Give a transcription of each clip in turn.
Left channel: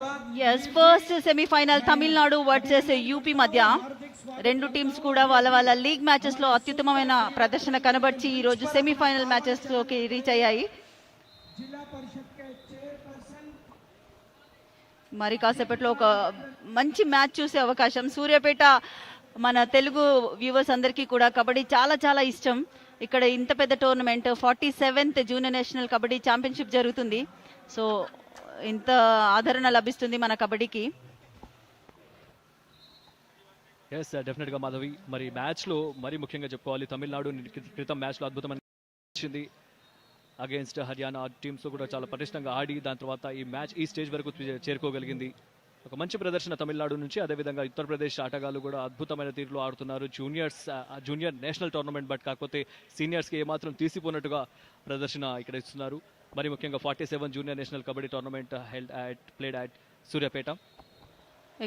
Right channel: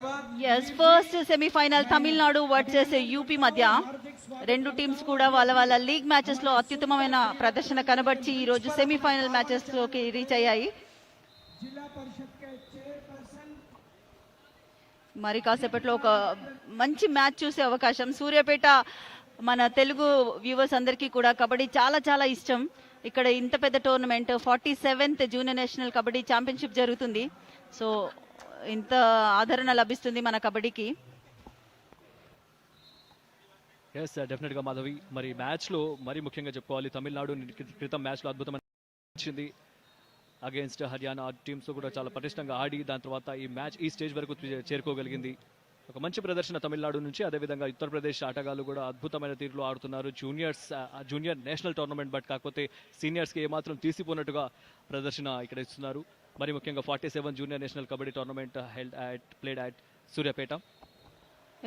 Yes first semifinal Tamil Nadu versus UP మధ్య రెండు teams కూడా వాళ్ళ వాళ్ళ లీగ్ మ్యాచెస్ లో అత్యుత్తమమైన ప్రదర్శన కనబర్చి ఈ రోజు సెమీఫైనల్ మ్యాచెస్ లోకి రీచ్ అయ్యాయి. మరి కాసేపట్లో ఒక మంచి మ్యాచ్ చూసే అవకాశం. సూర్యాపేట మన తెలుగు వ్యూవర్స్ అందరికీ కూడా కబడ్డీ చాలా చాలా ఇష్టం. ఇక్కడ ఇంత పెద్ద tournament 47th junior national kabaddi championship జరుగుతుంది. సో ఇంత ఆదరణ లభిస్తుంది మన కబడ్డీకి. ఎస్ డెఫినెట్ గా మాధవి, మరి మ్యాచ్ లో మరి ముఖ్యంగా చెప్పుకోవాలి, తమిళనాడు క్రితం మ్యాచ్ లో అద్భుతమైన వచ్చింది అగేన్స్ట్ హర్యానా టీమ్స్ తో కూడా చాలా పటిష్టంగా ఆడి దాని తర్వాత ఈ మ్యాచ్ ఈ స్టేజ్ వరకు చేరుకోగలిగింది. ఒక మంచి ప్రదర్శన తమిళనాడు నుంచి. అదేవిధంగా ఉత్తరప్రదేశ్ ఆటగాళ్లు కూడా అద్భుతమైన తీరులో ఆడుతున్నారు. జూనియర్ నేషనల్ టోర్నమెంట్, బట్ కాకపోతే సీనియర్స్ కి ఏమాత్రం తీసిపోయినట్టుగా ప్రదర్శన ఇక్కడ ఇస్తున్నారు. మరి ముఖ్యంగా 47 junior national kabaddi tournament played at Suryapet.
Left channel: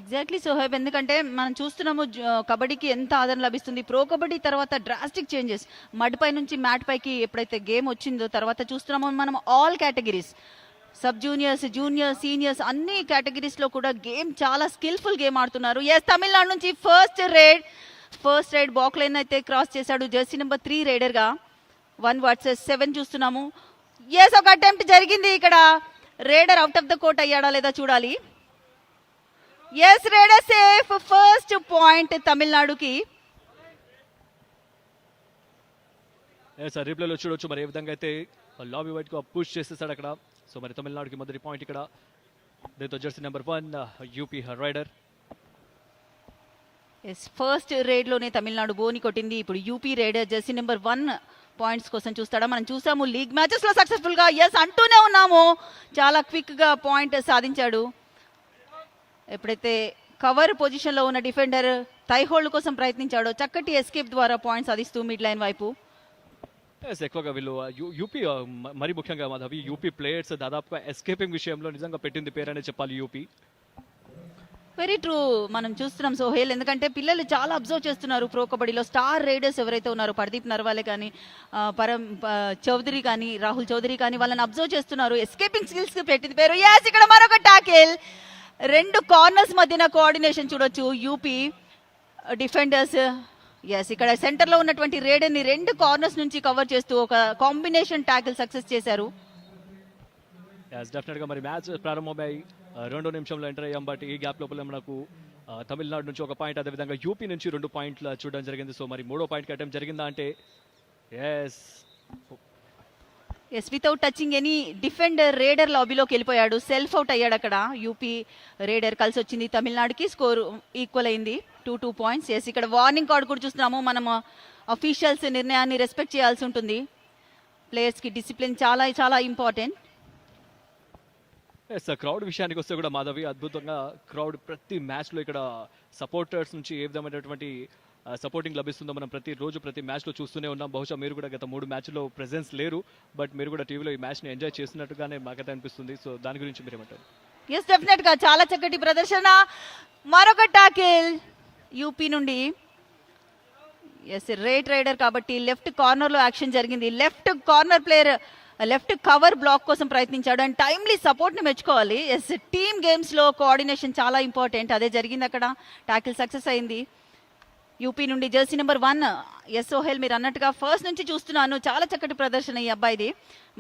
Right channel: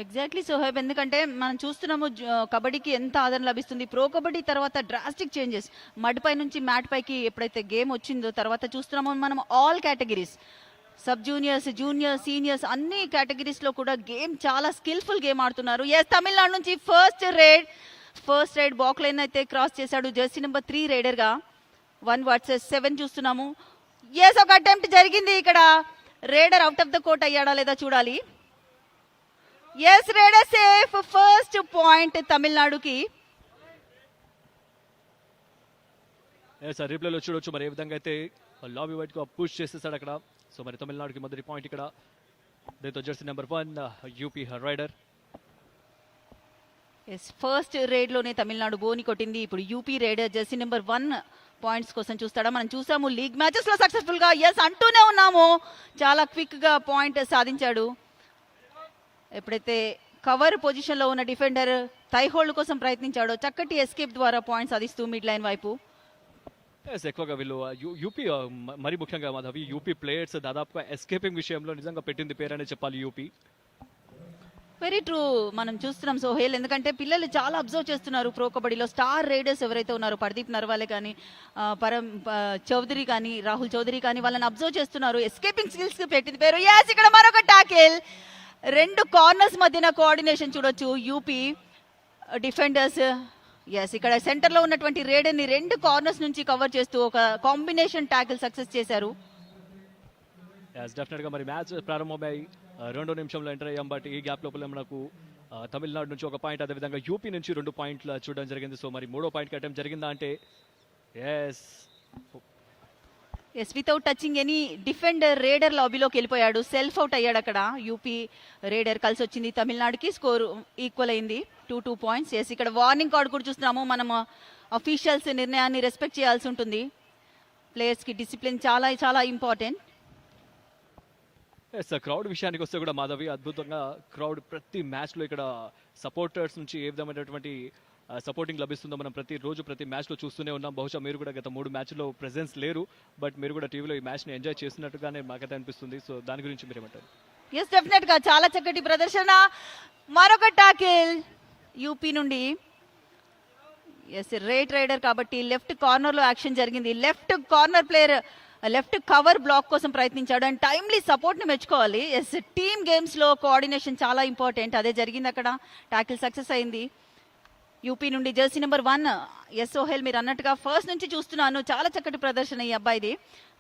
Exactly Soheb, ఎందుకంటే మనం చూస్తున్నాము కబడ్డీకి ఎంత ఆదరణ లభిస్తుంది. ప్రో కబడ్డీ తర్వాత డ్రాస్టిక్ చేంజెస్, మడ్ పై నుంచి మ్యాట్ పైకి ఎప్పుడైతే గేమ్ వచ్చిందో తర్వాత చూస్తున్నాము మనం all categories, sub juniors, junior, seniors అన్ని కేటగిరీస్ లో కూడా గేమ్ చాలా స్కిల్ఫుల్ గేమ్ ఆడుతున్నారు. ఎస్ తమిళనాడు నుంచి ఫస్ట్ రైడ్ బాక్ లైన్ అయితే క్రాస్ చేశాడు జెర్సీ నెంబర్ 3 రైడర్ గా. 1 వర్సెస్ 7 చూస్తున్నాము. ఎస్ ఒక అటెంప్ట్ జరిగింది ఇక్కడ. Raider out of the court అయ్యాడా లేదా చూడాలి. Yes raider safe, first point తమిళనాడుకి. చూడొచ్చు మరి ఏ విధంగా అయితే లాబీ వైట్ గా పుష్ చేసేసారు అక్కడ. సో మరి తమిళనాడుకి మొదటి పాయింట్ ఇక్కడ. దీంతో jersey number 1 UP raider. Yes first raid లోనే తమిళనాడు గోని కొట్టింది. ఇప్పుడు UP raider jersey number 1 points కోసం చూస్తాడా. మనం చూసాము లీగ్ మ్యాచెస్ లో సక్సెస్ఫుల్ గా ఎస్ అంటూనే ఉన్నాము. చాలా క్విక్ గా పాయింట్ సాధించాడు. ఎప్పుడైతే కవర్ పొజిషన్ లో ఉన్న డిఫెండర్ టై హోల్డ్ కోసం ప్రయత్నించాడో చక్కటి ఎస్కేప్ ద్వారా పాయింట్ సాధిస్తూ మిడ్ లైన్ వైపు. ఎక్కువగా వీళ్ళు యూపీ మరి ముఖ్యంగా యూపీ ప్లేయర్స్ దాదాపు ఎస్కేపింగ్ విషయంలో నిజంగా పెట్టింది పేరని చెప్పాలి యూపీ. Very true. మనం చూస్తున్నాం సోహేల్, ఎందుకంటే పిల్లలు చాలా అబ్జర్వ్ చేస్తున్నారు ప్రో కబడ్డీలో. స్టార్ రైడర్స్ ఎవరైతే ఉన్నారో పర్దీప్ నర్వాలే కానీ, పరం చౌదరి కానీ, రాహుల్ చౌదరి కానీ వాళ్ళని అబ్జర్వ్ చేస్తున్నారు. ఎస్కేపింగ్ స్కిల్స్ పెట్టింది పేరు. yes ఇక్కడ మరొక టాకిల్. రెండు కార్నర్స్ మధ్యన కోఆర్డినేషన్ చూడొచ్చు యూపీ డిఫెండర్స్. ఎస్ ఇక్కడ సెంటర్ లో ఉన్నటువంటి రైడర్ ని రెండు కార్నర్స్ నుంచి కవర్ చేస్తూ ఒక కాంబినేషన్ టాకిల్ సక్సెస్ చేశారు. మరి మ్యాచ్ ప్రారంభమై 2వ నిమిషంలో ఎంటర్ అయ్యాం. బట్ ఈ గ్యాప్ లోపల మనకు తమిళనాడు నుంచి ఒక పాయింట్, అదేవిధంగా యూపీ నుంచి 2 పాయింట్లు చూడడం జరిగింది. సో మరి 3వ పాయింట్ కట్టడం జరిగిందా అంటే yes without touching any defender raider లాబీలోకి వెళ్ళిపోయాడు. సెల్ఫ్ అవుట్ అయ్యాడు అక్కడ. యూపీ రైడర్ కలిసి వచ్చింది తమిళనాడుకి. స్కోర్ ఈక్వల్ అయింది 2 పాయింట్స్. ఎస్ ఇక్కడ వార్నింగ్ కార్డ్ కూడా చూస్తున్నాము. మనం అఫీషియల్స్ నిర్ణయాన్ని రెస్పెక్ట్ చేయాల్సి ఉంటుంది. ప్లేయర్స్ కి డిసిప్లిన్ చాలా చాలా ఇంపార్టెంట్. క్రౌడ్ విషయానికి వస్తే కూడా మాధవి, అద్భుతంగా క్రౌడ్ ప్రతి మ్యాచ్ లో ఇక్కడ సపోర్టర్స్ నుంచి ఏ విధమైనటువంటి సపోర్టింగ్ లభిస్తుందో మనం ప్రతి రోజు ప్రతి మ్యాచ్ లో చూస్తూనే ఉన్నాం. బహుశా మీరు కూడా గత 3 మ్యాచ్ లో ప్రెసెన్స్ లేరు, బట్ మీరు కూడా టీవీలో ఈ మ్యాచ్ ని ఎంజాయ్ చేసినట్టుగానే మాకైతే అనిపిస్తుంది. సో దాని గురించి మీరు ఏమంటారు? yes డెఫినెట్ గా చాలా చక్కటి ప్రదర్శన. మరొక టాకిల్ యూపీ నుండి. ఎస్ రైట్ రైడర్ కాబట్టి లెఫ్ట్ కార్నర్ లో యాక్షన్ జరిగింది. Left corner player left cover block కోసం ప్రయత్నించాడు అండ్ టైమ్లీ సపోర్ట్ ని మెచ్చుకోవాలి. ఎస్ టీమ్ గేమ్స్ లో కోఆర్డినేషన్ చాలా ఇంపార్టెంట్. అదే జరిగింది అక్కడ. టాకిల్ సక్సెస్ అయింది. యూపీ నుండి జెర్సీ నెంబర్ 1 ఎస్ సోహెల్, మీరు అన్నట్టుగా ఫస్ట్ నుంచి చూస్తున్నాను చాలా చక్కటి ప్రదర్శన ఈ అబ్బాయిది.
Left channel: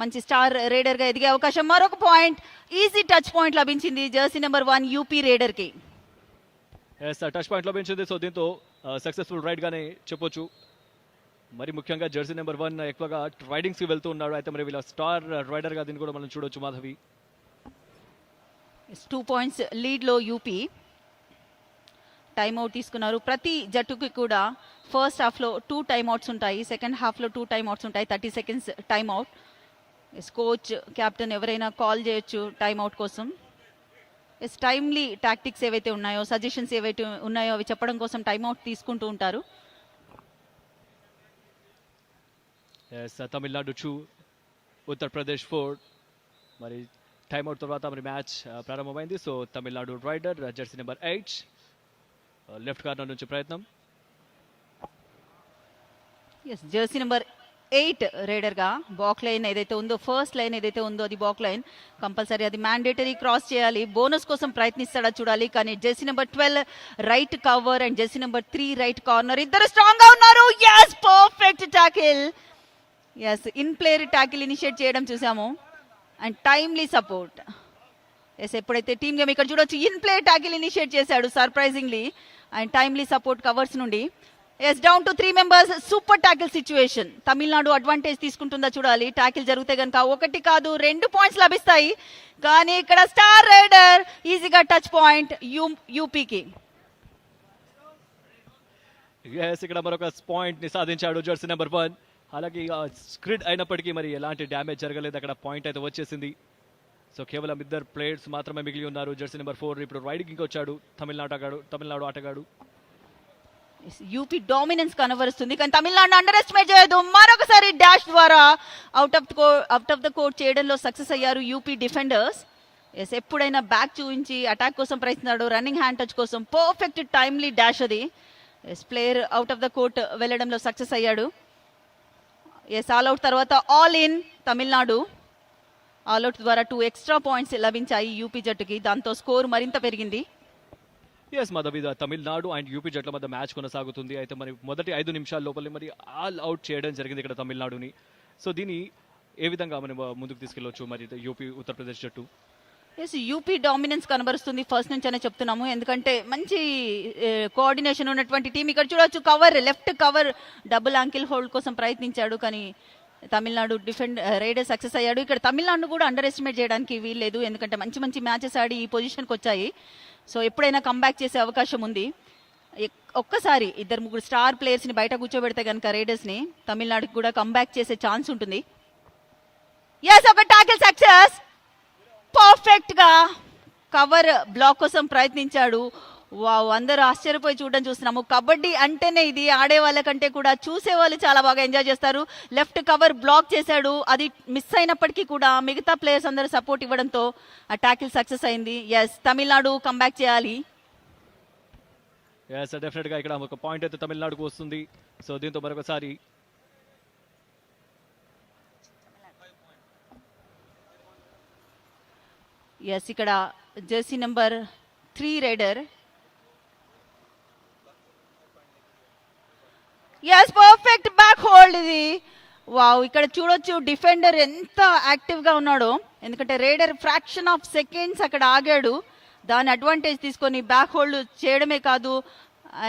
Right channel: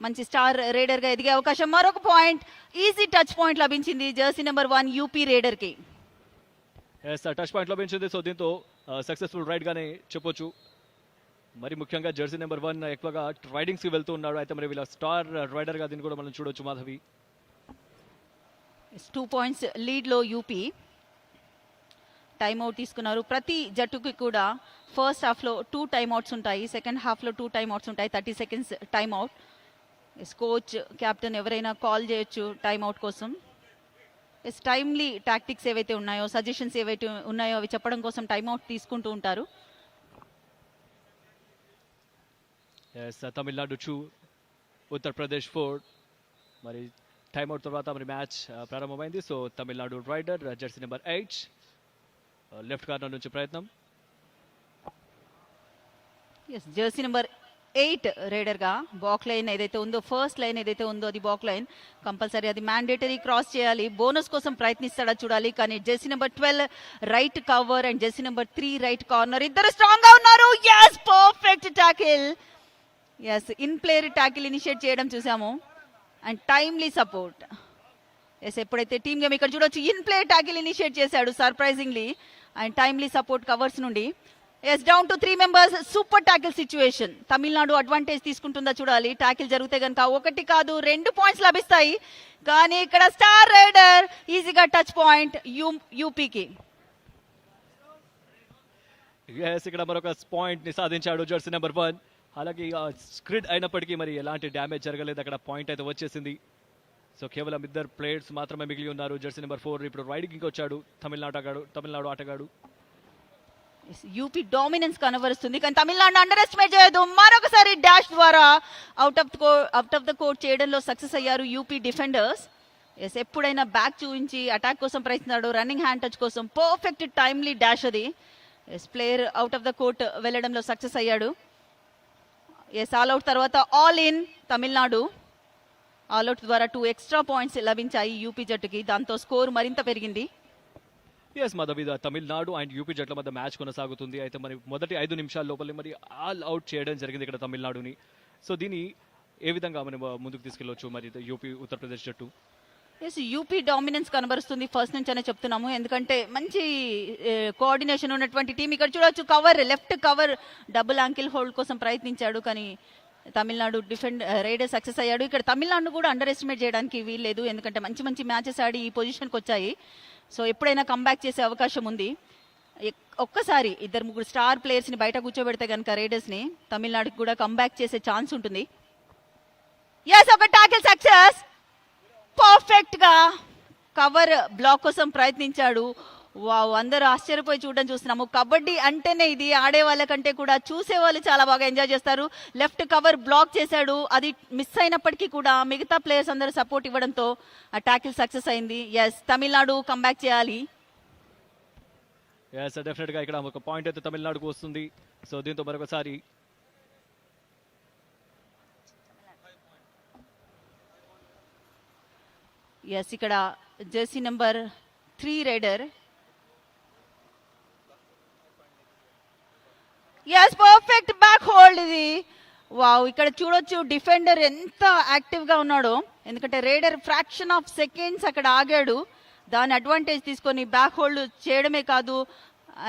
మంచి స్టార్ రైడర్ గా ఎదిగే అవకాశం. మరొక పాయింట్, ఈజీ టచ్ పాయింట్ లభించింది జెర్సీ నెంబర్ 1 యూపీ రైడర్ కి. టచ్ పాయింట్ లభించింది. సో దీంతో సక్సెస్ఫుల్ రైడ్ గానే చెప్పొచ్చు. మరి ముఖ్యంగా జెర్సీ నెంబర్ 1 ఎక్కువగా రైడింగ్స్ కి వెళ్తూ ఉన్నాడు. అయితే మరి వీళ్ళ స్టార్ రైడర్ గా దీన్ని కూడా మనం చూడొచ్చు మాధవి. 2 పాయింట్స్ లీడ్ లో యూపీ. టైమ్ అవుట్ తీసుకున్నారు. ప్రతి జట్టుకి కూడా ఫస్ట్ హాఫ్ లో 2 టైమ్ అవుట్స్ ఉంటాయి, సెకండ్ హాఫ్ లో 2 టైమ్ అవుట్స్ ఉంటాయి. 30 seconds time out. Coach captain ఎవరైనా కాల్ చేయొచ్చు టైమ్ అవుట్ కోసం. టైమ్లీ టాక్టిక్స్ ఏవైతే ఉన్నాయో, సజెషన్స్ ఏవైతే ఉన్నాయో అవి చెప్పడం కోసం టైమ్ అవుట్ తీసుకుంటూ ఉంటారు. తమిళనాడు 2 ఉత్తరప్రదేశ్ 4. మరి టైమ్ అవుట్ తర్వాత మ్యాచ్ ప్రారంభమైంది. So Tamil Nadu raider jersey number 8 left corner నుంచి ప్రయత్నం. జెర్సీ నెంబర్ 8 రైడర్ గా బాక్ లైన్ ఏదైతే ఉందో, ఫస్ట్ లైన్ ఏదైతే ఉందో అది బాక్ లైన్ కంపల్సరీ, అది మ్యాండేటరీ క్రాస్ చేయాలి. బోనస్ కోసం ప్రయత్నిస్తాడా చూడాలి. కానీ jersey number 12 right cover and jersey number 3 right corner ఇద్దరు స్ట్రాంగ్ గా ఉన్నారు. yes perfect tackle. yes in player tackle initiate చేయడం చూసాము అండ్ టైమ్లీ సపోర్ట్. yes ఎప్పుడైతే టీమ్ గేమ్ ఇక్కడ చూడొచ్చు ఇన్ ప్లేయర్ టాకిల్ ఇనిషియేట్ చేశాడు surprisingly and timely support covers నుండి. Yes down to 3 members, super tackle situation. Tamil Nadu advantage తీసుకుంటుందా చూడాలి. Tackle జరిగితే కనుక 1 కాదు 2 పాయింట్స్ లభిస్తాయి. కానీ ఇక్కడ స్టార్ రైడర్ ఈజీగా టచ్ పాయింట్ యూపీకి. ఇక్కడ మరొక పాయింట్ ని సాధించాడు జెర్సీ నెంబర్ 1. అలాగే స్క్రిడ్ అయినప్పటికీ మరి ఎలాంటి డ్యామేజ్ జరగలేదు. అక్కడ పాయింట్ అయితే వచ్చేసింది. సో కేవలం 2 ప్లేయర్స్ మాత్రమే మిగిలి ఉన్నారు. జెర్సీ నెంబర్ 4 ఇప్పుడు రైట్ కి వచ్చాడు తమిళనాడు ఆటగాడు. యూపీ డామినెన్స్ కనబరుస్తుంది కానీ తమిళనాడు అండర్ ఎస్టిమేట్ చేయదు. మరొకసారి డాష్ ద్వారా అవుట్ ఆఫ్ ద కోర్ట్ చేయడంలో సక్సెస్ అయ్యారు యూపీ డిఫెండర్స్. ఎస్ ఎప్పుడైనా బ్యాక్ చూపించి అటాక్ కోసం ప్రయత్నిస్తున్నాడు, రన్నింగ్ హ్యాండ్ టచ్ కోసం పర్ఫెక్ట్ టైమ్లీ డాష్ అది. Yes player out of the court వెళ్ళడంలో success అయ్యాడు. ఎస్ ఆల్ అవుట్ తర్వాత all in Tamil Nadu. All out ద్వారా 2 ఎక్స్ట్రా పాయింట్స్ లభించాయి యూపీ జట్టుకి. దాంతో స్కోర్ మరింత పెరిగింది. Yes Madhavi, Tamil Nadu and UP జట్ల మధ్య మ్యాచ్ కొనసాగుతుంది. అయితే మరి మొదటి 5 నిమిషాల లోపలే మరి ఆల్ అవుట్ చేయడం జరిగింది ఇక్కడ తమిళనాడుని. సో దీన్ని ఏ విధంగా మనం ముందుకు తీసుకెళ్ళవచ్చు మరి యూపీ ఉత్తరప్రదేశ్ జట్టు? ఎస్ యూపీ డామినెన్స్ కనబరుస్తుంది ఫస్ట్ నుంచి అనే చెప్తున్నాము. ఎందుకంటే మంచి కోఆర్డినేషన్ ఉన్నటువంటి టీం. ఇక్కడ చూడొచ్చు cover, left cover double ankle hold కోసం ప్రయత్నించాడు కానీ తమిళనాడు రైడర్ సక్సెస్ అయ్యాడు. ఇక్కడ తమిళనాడు కూడా అండర్ ఎస్టిమేట్ చేయడానికి వీల్లేదు. ఎందుకంటే మంచి మంచి మ్యాచెస్ ఆడి ఈ పొజిషన్కి వచ్చాయి. సో ఎప్పుడైనా కంబ్యాక్ చేసే అవకాశం ఉంది. ఒక్కసారి 2-3 స్టార్ ప్లేయర్స్ ని బయట కూర్చోబెడితే కనుక రైడర్స్ ని తమిళనాడుకి కూడా కంబ్యాక్ చేసే ఛాన్స్ ఉంటుంది. yes ఒక టాకిల్ సక్సెస్. పర్ఫెక్ట్ గా కవర్ బ్లాక్ కోసం ప్రయత్నించాడు. వావ్, అందరూ ఆశ్చర్యపోయి చూడడం చూస్తున్నాము. కబడ్డీ అంటేనే ఇది. ఆడే వాళ్ళ కంటే కూడా చూసే వాళ్ళు చాలా బాగా ఎంజాయ్ చేస్తారు. లెఫ్ట్ కవర్ బ్లాక్ చేశాడు, అది మిస్ అయినప్పటికీ కూడా మిగతా ప్లేయర్స్ అందరూ సపోర్ట్ ఇవ్వడంతో ఆ టాకిల్ సక్సెస్ అయింది. ఎస్ తమిళనాడు కంబ్యాక్ చేయాలి. ఎస్ డెఫినెట్ గా ఇక్కడ ఒక పాయింట్ అయితే తమిళనాడుకు వస్తుంది. సో దీంతో మరొకసారి ఎస్ ఇక్కడ jersey number 3 raider. Yes perfect back hold ఇది. వావ్, ఇక్కడ చూడొచ్చు డిఫెండర్ ఎంత యాక్టివ్ గా ఉన్నాడో. ఎందుకంటే రైడర్ ఫ్రాక్షన్ ఆఫ్ సెకండ్స్ అక్కడ ఆగాడు. దాని అడ్వాంటేజ్ తీసుకొని బ్యాక్ హోల్డ్ చేయడమే కాదు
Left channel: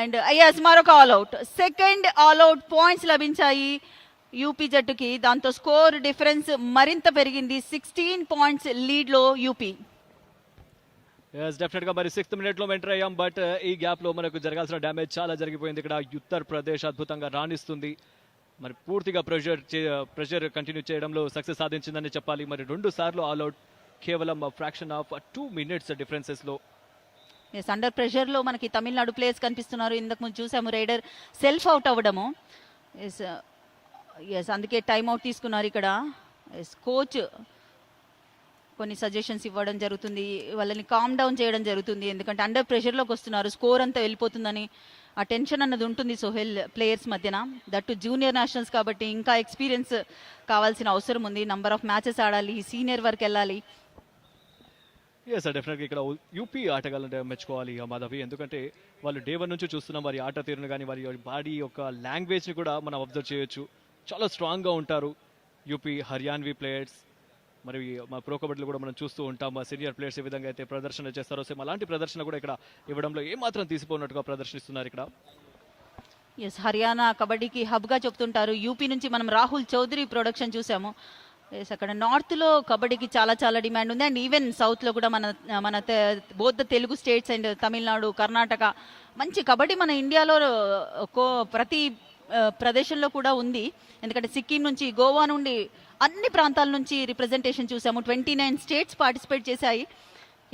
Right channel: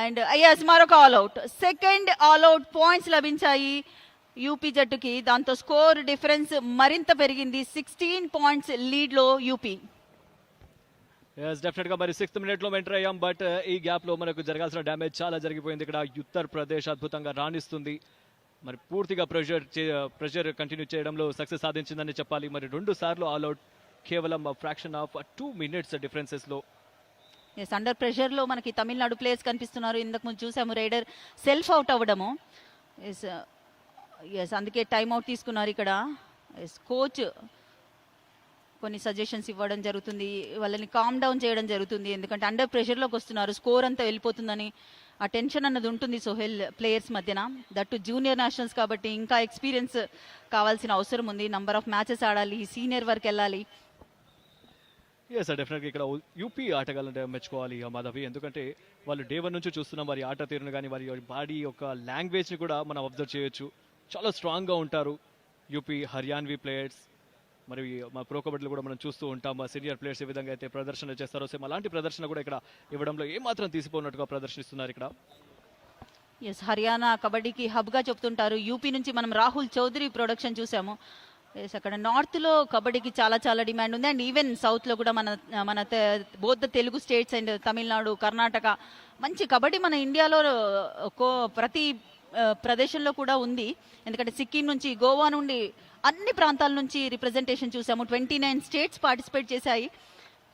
అండ్ ఎస్ మరొక all out. Second all out points లభించాయి యూపీ జట్టుకి. దాంతో స్కోర్ డిఫరెన్స్ మరింత పెరిగింది. 16 పాయింట్స్ లీడ్ లో యూపీ. ఎస్ డెఫినెట్ గా మరి 6th మినిట్ లో ఎంటర్ అయ్యాం. బట్ ఈ గ్యాప్ లో మనకు జరగాల్సిన డ్యామేజ్ చాలా జరిగిపోయింది. ఇక్కడ ఉత్తరప్రదేశ్ అద్భుతంగా రాణిస్తుంది. మరి పూర్తిగా ప్రెషర్ కంటిన్యూ చేయడంలో సక్సెస్ సాధించిందని చెప్పాలి. మరి 2 సార్లు ఆల్ అవుట్ కేవలం ఫ్రాక్షన్ ఆఫ్ 2 మినిట్స్ డిఫరెన్సెస్ లో. అండర్ ప్రెషర్ లో మనకి తమిళనాడు ప్లేయర్స్ కనిపిస్తున్నారు. ఇంతకు ముందు చూసాము రైడర్ సెల్ఫ్ అవుట్ అవ్వడము. అందుకే టైం అవుట్ తీసుకున్నారు ఇక్కడ. కోచ్ కొన్ని సజెషన్స్ ఇవ్వడం జరుగుతుంది, వాళ్ళని కామ్ డౌన్ చేయడం జరుగుతుంది. ఎందుకంటే అండర్ ప్రెషర్ లోకి వస్తున్నారు, స్కోర్ అంతా వెళ్ళిపోతుందని ఆ టెన్షన్ అన్నది ఉంటుంది సోహెల్ ప్లేయర్స్ మధ్యన. దట్ జూనియర్ నేషనల్స్ కాబట్టి ఇంకా ఎక్స్పీరియన్స్ కావాల్సిన అవసరం ఉంది. నంబర్ ఆఫ్ మ్యాచెస్ ఆడాలి, సీనియర్ వరకు వెళ్ళాలి. డెఫినెట్గా ఇక్కడ యూపీ ఆటగాళ్ళు మెచ్చుకోవాలి మాధవి. ఎందుకంటే వాళ్ళు డే 1 నుంచి చూస్తున్నాం వారి ఆట తీరును కానీ వారి బాడీ యొక్క లాంగ్వేజ్ ని కూడా మనం అబ్జర్వ్ చేయొచ్చు. చాలా స్ట్రాంగ్ గా ఉంటారు యూపీ హర్యాన్వీ ప్లేయర్స్. మరి మా ప్రో కబడ్డీలో కూడా మనం చూస్తూ ఉంటాం మా సీనియర్ ప్లేయర్స్ ఏ విధంగా అయితే ప్రదర్శన చేస్తారో సేమ్ అలాంటి ప్రదర్శన కూడా ఇక్కడ ఇవ్వడంలో ఏమాత్రం తీసిపోయినట్టుగా ప్రదర్శిస్తున్నారు ఇక్కడ. హర్యానా కబడ్డీకి హబ్ గా చెప్తుంటారు. యూపీ నుంచి మనం రాహుల్ చౌదరి ప్రొడక్షన్ చూసాము. అక్కడ నార్త్ లో కబడ్డీకి చాలా చాలా డిమాండ్ ఉంది. అండ్ ఈవెన్ సౌత్ లో కూడా మన both Telugu states and Tamil Nadu, Karnataka మంచి కబడ్డీ మన ఇండియాలో ప్రతి ప్రదేశంలో కూడా ఉంది. ఎందుకంటే సిక్కిం నుంచి, గోవా నుండి, అన్ని ప్రాంతాల నుంచి రిప్రజెంటేషన్ చూసాము. 29 స్టేట్స్ పార్టిసిపేట్ చేశాయి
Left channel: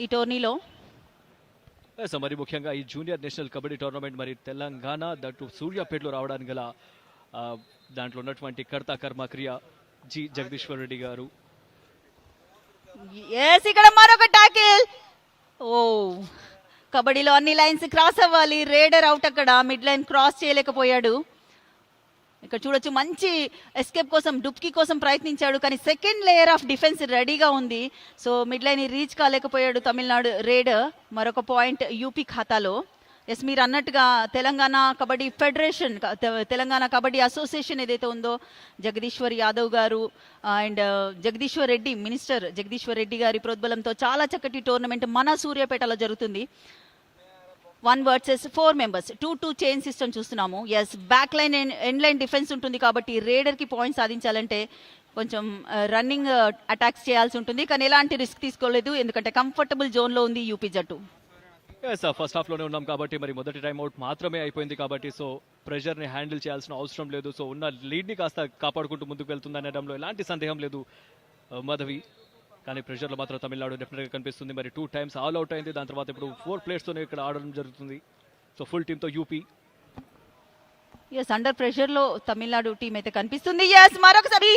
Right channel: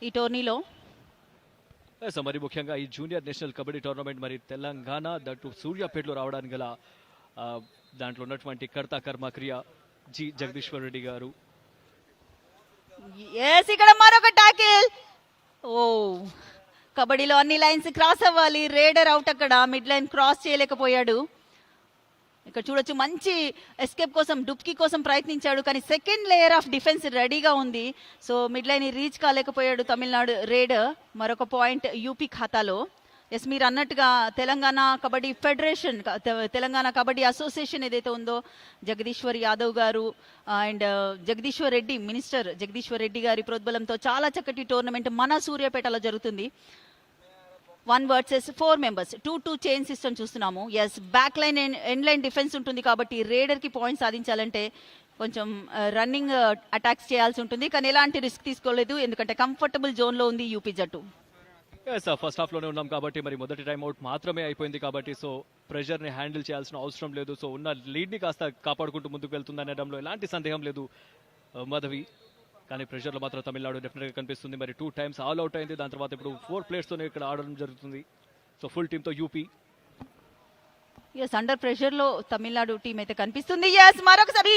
ఈ టోర్నీలో. మరి ముఖ్యంగా ఈ జూనియర్ నేషనల్ కబడ్డీ టోర్నమెంట్ మరి తెలంగాణ దట్టు సూర్యాపేటలో రావడానికి గల దాంట్లో ఉన్నటువంటి కర్త కర్మ క్రియ జి జగదీశ్వర్ రెడ్డి గారు. ఇక్కడ మరొక టాకిల్. ఓ కబడ్డీలో అన్ని లైన్స్ క్రాస్ అవ్వాలి. రేడర్ అవుట్ అక్కడ మిడ్ లైన్ క్రాస్ చేయలేకపోయాడు. ఇక్కడ చూడొచ్చు మంచి ఎస్కేప్ కోసం డుబ్కీ కోసం ప్రయత్నించాడు, కానీ సెకండ్ లేయర్ ఆఫ్ డిఫెన్స్ రెడీగా ఉంది. So mid line reach కాలేకపోయాడు Tamil Nadu rider. మరొక పాయింట్ యూపీ ఖాతాలో. ఎస్, మీరు అన్నట్టుగా తెలంగాణ కబడ్డీ ఫెడరేషన్, తెలంగాణ కబడ్డీ అసోసియేషన్ ఏదైతే ఉందో, జగదీశ్వర్ యాదవ్ గారు అండ్ జగదీశ్వర్ రెడ్డి, మినిస్టర్ జగదీశ్వర్ రెడ్డి గారి ప్రోద్బలంతో చాలా చక్కటి టోర్నమెంట్ మన సూర్యాపేటలో జరుగుతుంది. 1 వర్సెస్ 4 మెంబర్స్, 2-2 చైన్ సిస్టమ్ చూస్తున్నాము. Yes, back line and end line defence ఉంటుంది కాబట్టి రేడర్ కి పాయింట్స్ సాధించాలంటే కొంచెం రన్నింగ్ అటాక్స్ చేయాల్సి ఉంటుంది, కానీ ఎలాంటి రిస్క్ తీసుకోలేదు ఎందుకంటే కంఫర్టబుల్ జోన్ లో ఉంది యూపీ జట్టు. ఫస్ట్ హాఫ్ లోనే ఉన్నాం కాబట్టి మరి మొదటి టైం అవుట్ మాత్రమే అయిపోయింది కాబట్టి సో ప్రెషర్ ని హ్యాండిల్ చేయాల్సిన అవసరం లేదు. సో ఉన్న లీడ్ ని కాస్త కాపాడుకుంటూ ముందుకు వెళ్తుందనేటంలో ఎలాంటి సందేహం లేదు మాధవి. కానీ ప్రెషర్ మాత్రం తమిళనాడు డెఫినెట్ గా కనిపిస్తుంది. మరి 2 times ఆల్ అవుట్ అయింది, దాని తర్వాత ఇప్పుడు 4 players తో ఇక్కడ ఆడడం జరుగుతుంది. సో ఫుల్ టీమ్ తో యూపీ. ఎస్, అండర్ ప్రెషర్ లో తమిళనాడు టీం అయితే కనిపిస్తుంది. ఎస్, మరొకసారి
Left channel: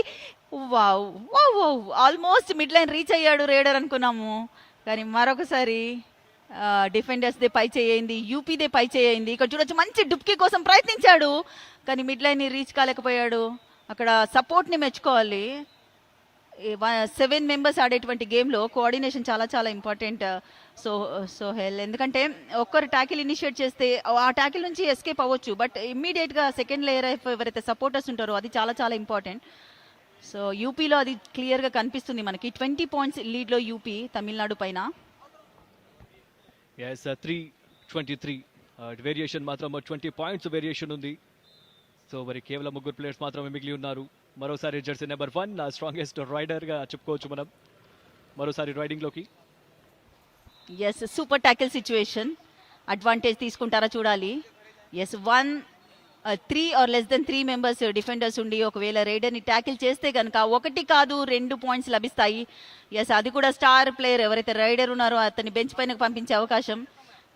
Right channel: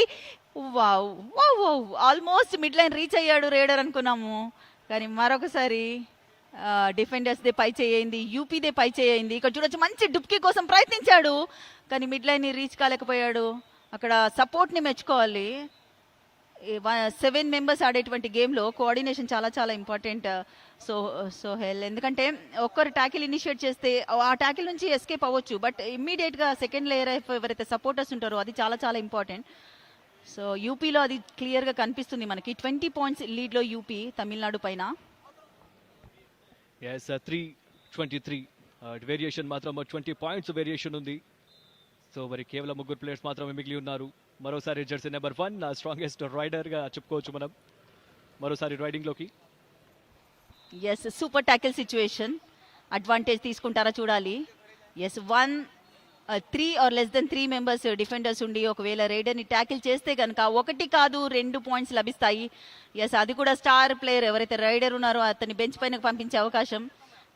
wow wow wow, almost mid line reach అయ్యాడు రేడర్ అనుకున్నాము, కానీ మరొకసారి డిఫెండర్స్ దే పై చేయింది, యూపీ దే పై చేయింది. ఇక్కడ చూడొచ్చు మంచి డుబ్కీ కోసం ప్రయత్నించాడు, కానీ మిడ్ లైన్ రీచ్ కాలేకపోయాడు. అక్కడ సపోర్ట్ ని మెచ్చుకోవాలి. 7 మెంబర్స్ ఆడేటువంటి గేమ్ లో కోఆర్డినేషన్ చాలా చాలా ఇంపార్టెంట్. సో హెల్, ఎందుకంటే ఒకరు ట్యాకిల్ ఇనిషియేట్ చేస్తే ఆ ట్యాకిల్ నుంచి ఎస్కేప్ అవ్వచ్చు, బట్ ఇమ్మీడియట్ గా సెకండ్ లేయర్ ఎవరైతే సపోర్టర్స్ ఉంటారో అది చాలా చాలా ఇంపార్టెంట్. సో యూపీలో అది క్లియర్ గా కనిపిస్తుంది మనకి. 20 పాయింట్స్ లీడ్ లో యూపీ తమిళనాడు పైన. yes 3-23 వేరియేషన్ మాత్రం 20 పాయింట్స్ వేరియేషన్ ఉంది. సో మరి కేవలం 3 ప్లేయర్స్ మాత్రమే మిగిలి ఉన్నారు. మరోసారి జెర్సీ నెంబర్ 1 స్ట్రాంగెస్ట్ రైడర్ గా చెప్పుకోవచ్చు మనం మరోసారి రైడింగ్ లోకి. Yes, super tackle situation, advantage తీసుకుంటారా చూడాలి. Yes, 3 or less than 3 members defenders ఉండి ఒకవేళ రైడర్ ని ట్యాకిల్ చేస్తే కనుక 1 కాదు 2 పాయింట్స్ లభిస్తాయి. ఎస్, అది కూడా స్టార్ ప్లేయర్ ఎవరైతే రైడర్ ఉన్నారో అతన్ని బెంచ్ పైన పంపించే అవకాశం,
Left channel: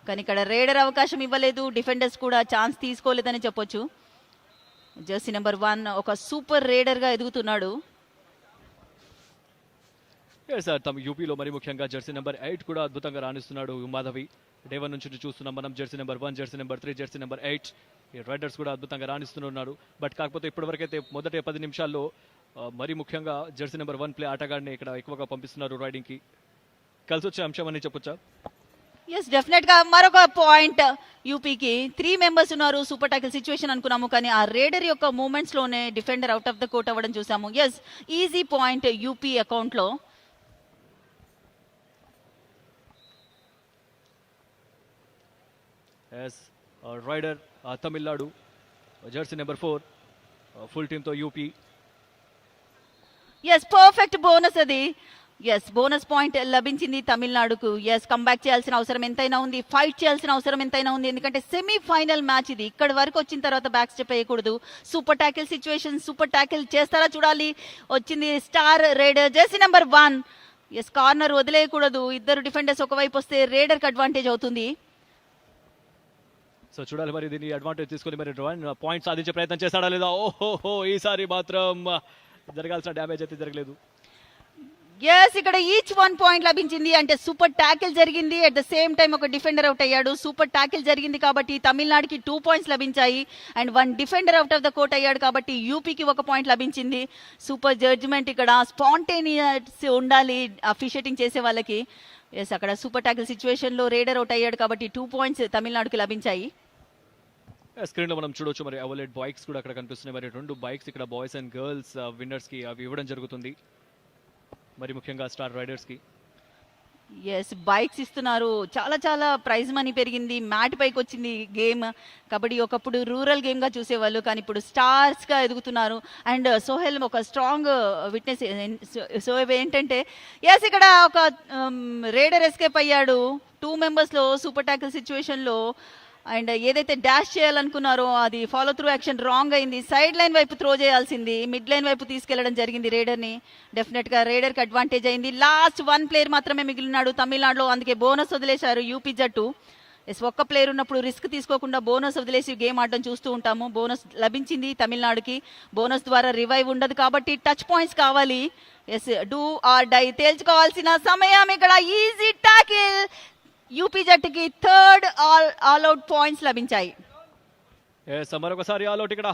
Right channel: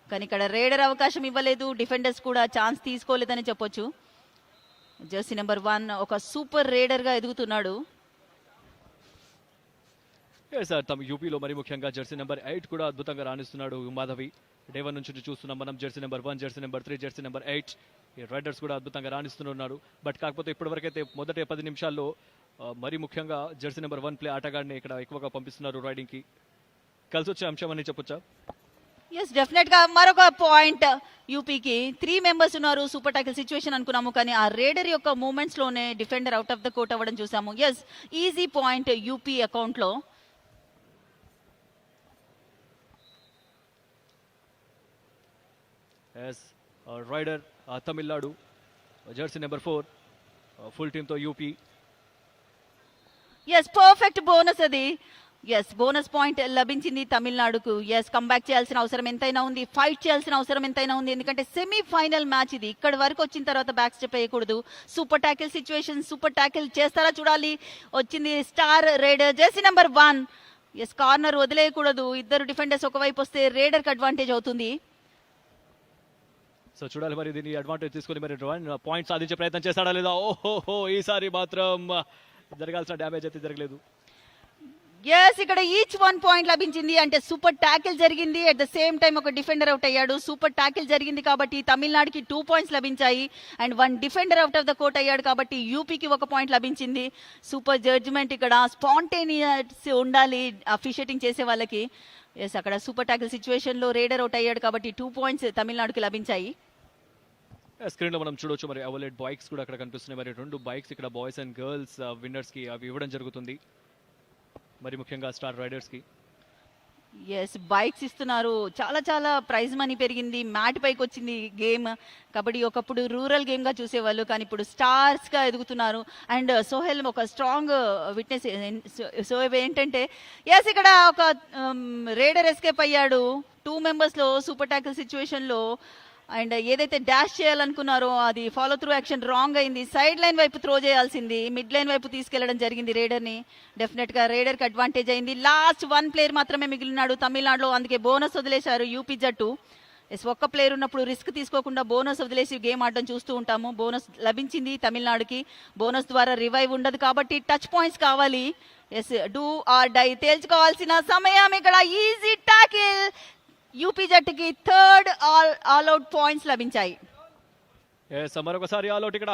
కానీ ఇక్కడ రైడర్ అవకాశం ఇవ్వలేదు, డిఫెండర్స్ కూడా ఛాన్స్ తీసుకోలేదని చెప్పొచ్చు. జెర్సీ నెంబర్ 1 ఒక సూపర్ రైడర్ గా ఎదుగుతున్నాడు. తమ యూపీలో మరి ముఖ్యంగా జెర్సీ నెంబర్ 8 కూడా అద్భుతంగా రాణిస్తున్నాడు మాధవి. డే 1 నుంచి చూస్తున్నాం మనం Jersey number 1, Jersey number 3, Jersey number 8 ఈ రైడర్స్ కూడా అద్భుతంగా రాణిస్తున్నారు. బట్ కాకపోతే ఇప్పటివరకు అయితే మొదటి 10 నిమిషాల్లో మరి ముఖ్యంగా జెర్సీ నెంబర్ 1 ప్లే ఆటగాడిని ఇక్కడ ఎక్కువగా పంపిస్తున్నారు రైడింగ్ కి. కలిసి వచ్చే అంశం అని చెప్పొచ్చా? ఎస్, డెఫినెట్ గా మరొక పాయింట్ యూపీకి. 3 మెంబర్స్ ఉన్నారు, సూపర్ టాకిల్ సిచ్యువేషన్ అనుకున్నాము, కానీ ఆ రేడర్ యొక్క మూవ్మెంట్స్ లోనే defender out of the court అవ్వడం చూసాము. Yes, easy point UP account లో. Raider Tamil Nadu jersey number 4 full team తో యూపీ. ఎస్, పర్ఫెక్ట్ బోనస్ అది. ఎస్, బోనస్ పాయింట్ లభించింది తమిళనాడుకు. ఎస్, కంబ్యాక్ చేయాల్సిన అవసరం ఎంతైనా ఉంది, ఫైట్ చేయాల్సిన అవసరం ఎంతైనా ఉంది, ఎందుకంటే సెమీఫైనల్ మ్యాచ్ ఇది. ఇక్కడ వరకు వచ్చిన తర్వాత బ్యాక్ స్టెప్ వేయకూడదు. Super tackle situation, super tackle చేస్తారా చూడాలి. వచ్చింది star raider jersey number 1. Yes, corner వదిలేయకూడదు, ఇద్దరు డిఫెండర్స్ ఒకవైపు వస్తే రైడర్ కి అడ్వాంటేజ్ అవుతుంది. సో చూడాలి మరి దీన్ని అడ్వాంటేజ్ తీసుకొని మరి పాయింట్ సాధించే ప్రయత్నం చేస్తాడా లేదా. ఓహో, ఈసారి మాత్రం జరగాల్సిన డ్యామేజ్ అయితే జరగలేదు. ఎస్, ఇక్కడ ఈచ్ 1 పాయింట్ లభించింది, అంటే సూపర్ ట్యాకిల్ జరిగింది, అట్ ద సేమ్ టైం ఒక డిఫెండర్ అవుట్ అయ్యాడు. సూపర్ ట్యాకిల్ జరిగింది కాబట్టి తమిళనాడుకి 2 పాయింట్స్ లభించాయి, and 1 defender out of the court అయ్యాడు కాబట్టి యూపీకి 1 పాయింట్ లభించింది. సూపర్ జడ్జ్మెంట్, ఇక్కడ స్పాంటేనియస్ ఉండాలి అఫిషియేటింగ్ చేసే వాళ్ళకి. ఎస్, అక్కడ సూపర్ ట్యాకిల్ సిచ్యువేషన్ లో రైడర్ అవుట్ అయ్యాడు కాబట్టి 2 పాయింట్స్ తమిళనాడుకి లభించాయి. స్క్రీన్ లో మనం చూడొచ్చు మరి అవలేట్ బైక్స్ కూడా అక్కడ కనిపిస్తున్నాయి. మరి 2 బైక్స్ ఇక్కడ బాయ్స్ అండ్ గర్ల్స్ విన్నర్స్ కి అవి ఇవ్వడం జరుగుతుంది, మరి ముఖ్యంగా స్టార్ రైడర్స్ కి. ఎస్, బైక్స్ ఇస్తున్నారు, చాలా చాలా ప్రైజ్ మనీ పెరిగింది, మ్యాట్ పైకి వచ్చింది గేమ్. కబడ్డీ ఒకప్పుడు రూరల్ గేమ్ గా చూసేవాళ్ళు, కానీ ఇప్పుడు స్టార్స్ గా ఎదుగుతున్నారు. అండ్ సోహెల్ ఒక స్ట్రాంగ్ విట్నెస్. సో ఏంటంటే ఎస్, ఇక్కడ ఒక రైడర్ ఎస్కేప్ అయ్యాడు 2 మెంబర్స్ లో సూపర్ ట్యాకిల్ సిచ్యువేషన్ లో. అండ్ ఏదైతే డాష్ చేయాలనుకున్నారో అది ఫాలో త్రూ యాక్షన్ రాంగ్ అయింది. సైడ్ లైన్ వైపు త్రో చేయాల్సింది, మిడ్ లైన్ వైపు తీసుకెళ్లడం జరిగింది రైడర్ ని. డెఫినెట్ గా రైడర్ కి అడ్వాంటేజ్ అయింది. లాస్ట్ 1 ప్లేయర్ మాత్రమే మిగిలినాడు తమిళనాడులో, అందుకే బోనస్ వదిలేశారు యూపీ జట్టు. ఒక ప్లేయర్ ఉన్నప్పుడు రిస్క్ తీసుకోకుండా బోనస్ వదిలేసి గేమ్ ఆడడం చూస్తూ ఉంటాము. బోనస్ లభించింది తమిళనాడుకి. బోనస్ ద్వారా రివైవ్ ఉండదు కాబట్టి టచ్ పాయింట్స్ కావాలి. ఎస్, డూ ఆర్ డై తేల్చుకోవాల్సిన సమయం ఇక్కడ. ఈజీ టాకిల్, యూపీ జట్టుకి 3rd ఆల్ అవుట్ పాయింట్స్ లభించాయి. మరొకసారి ఆల్ అవుట్ ఇక్కడ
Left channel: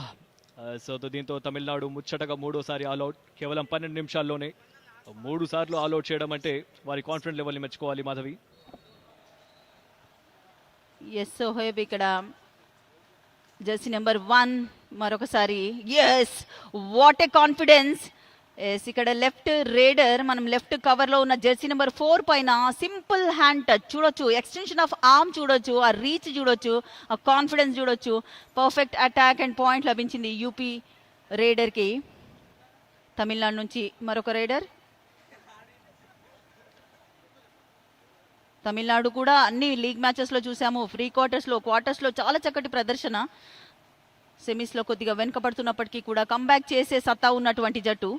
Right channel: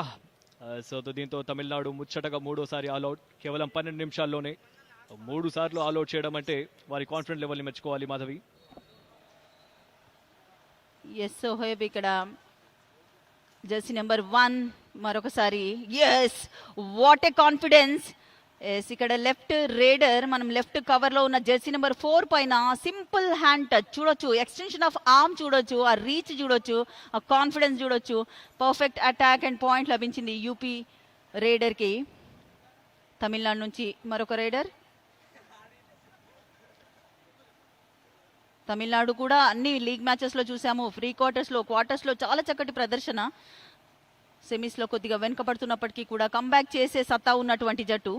సో దీంతో తమిళనాడు ముచ్చటగా మూడోసారి ఆల్అౌట్ కేవలం 12 నిమిషాల్లోనే 3 సార్లు ఆల్అౌట్ చేయడం అంటే వారి కాన్ఫిడెంట్ లెవెల్ని మెచ్చుకోవాలి మాధవి. ఎస్ సోహెబ్ ఇక్కడ జెర్సీ నెంబర్ 1 మరొకసారి yes what a confidence. Yes ఇక్కడ లెఫ్ట్ రేడర్ మనం లెఫ్ట్ కవర్ లో ఉన్న జెర్సీ నెంబర్ 4 పైన సింపుల్ హ్యాండ్ టచ్ చూడొచ్చు, ఎక్స్టెన్షన్ ఆఫ్ ఆర్మ్ చూడొచ్చు, ఆ రీచ్ చూడొచ్చు, ఆ కాన్ఫిడెన్స్ చూడొచ్చు. పర్ఫెక్ట్ అటాక్ అండ్ పాయింట్ లభించింది యూపీ రేడర్ కి. తమిళనాడు నుంచి మరొక రేడర్. తమిళనాడు కూడా అన్ని లీగ్ మ్యాచెస్ లో చూసాము, ప్రీ క్వార్టర్స్ లో చాలా చక్కటి ప్రదర్శన. సెమీస్ లో కొద్దిగా వెనుకబడుతున్నప్పటికీ కూడా కంబ్యాక్ చేసే సత్తా ఉన్నటువంటి జట్టు.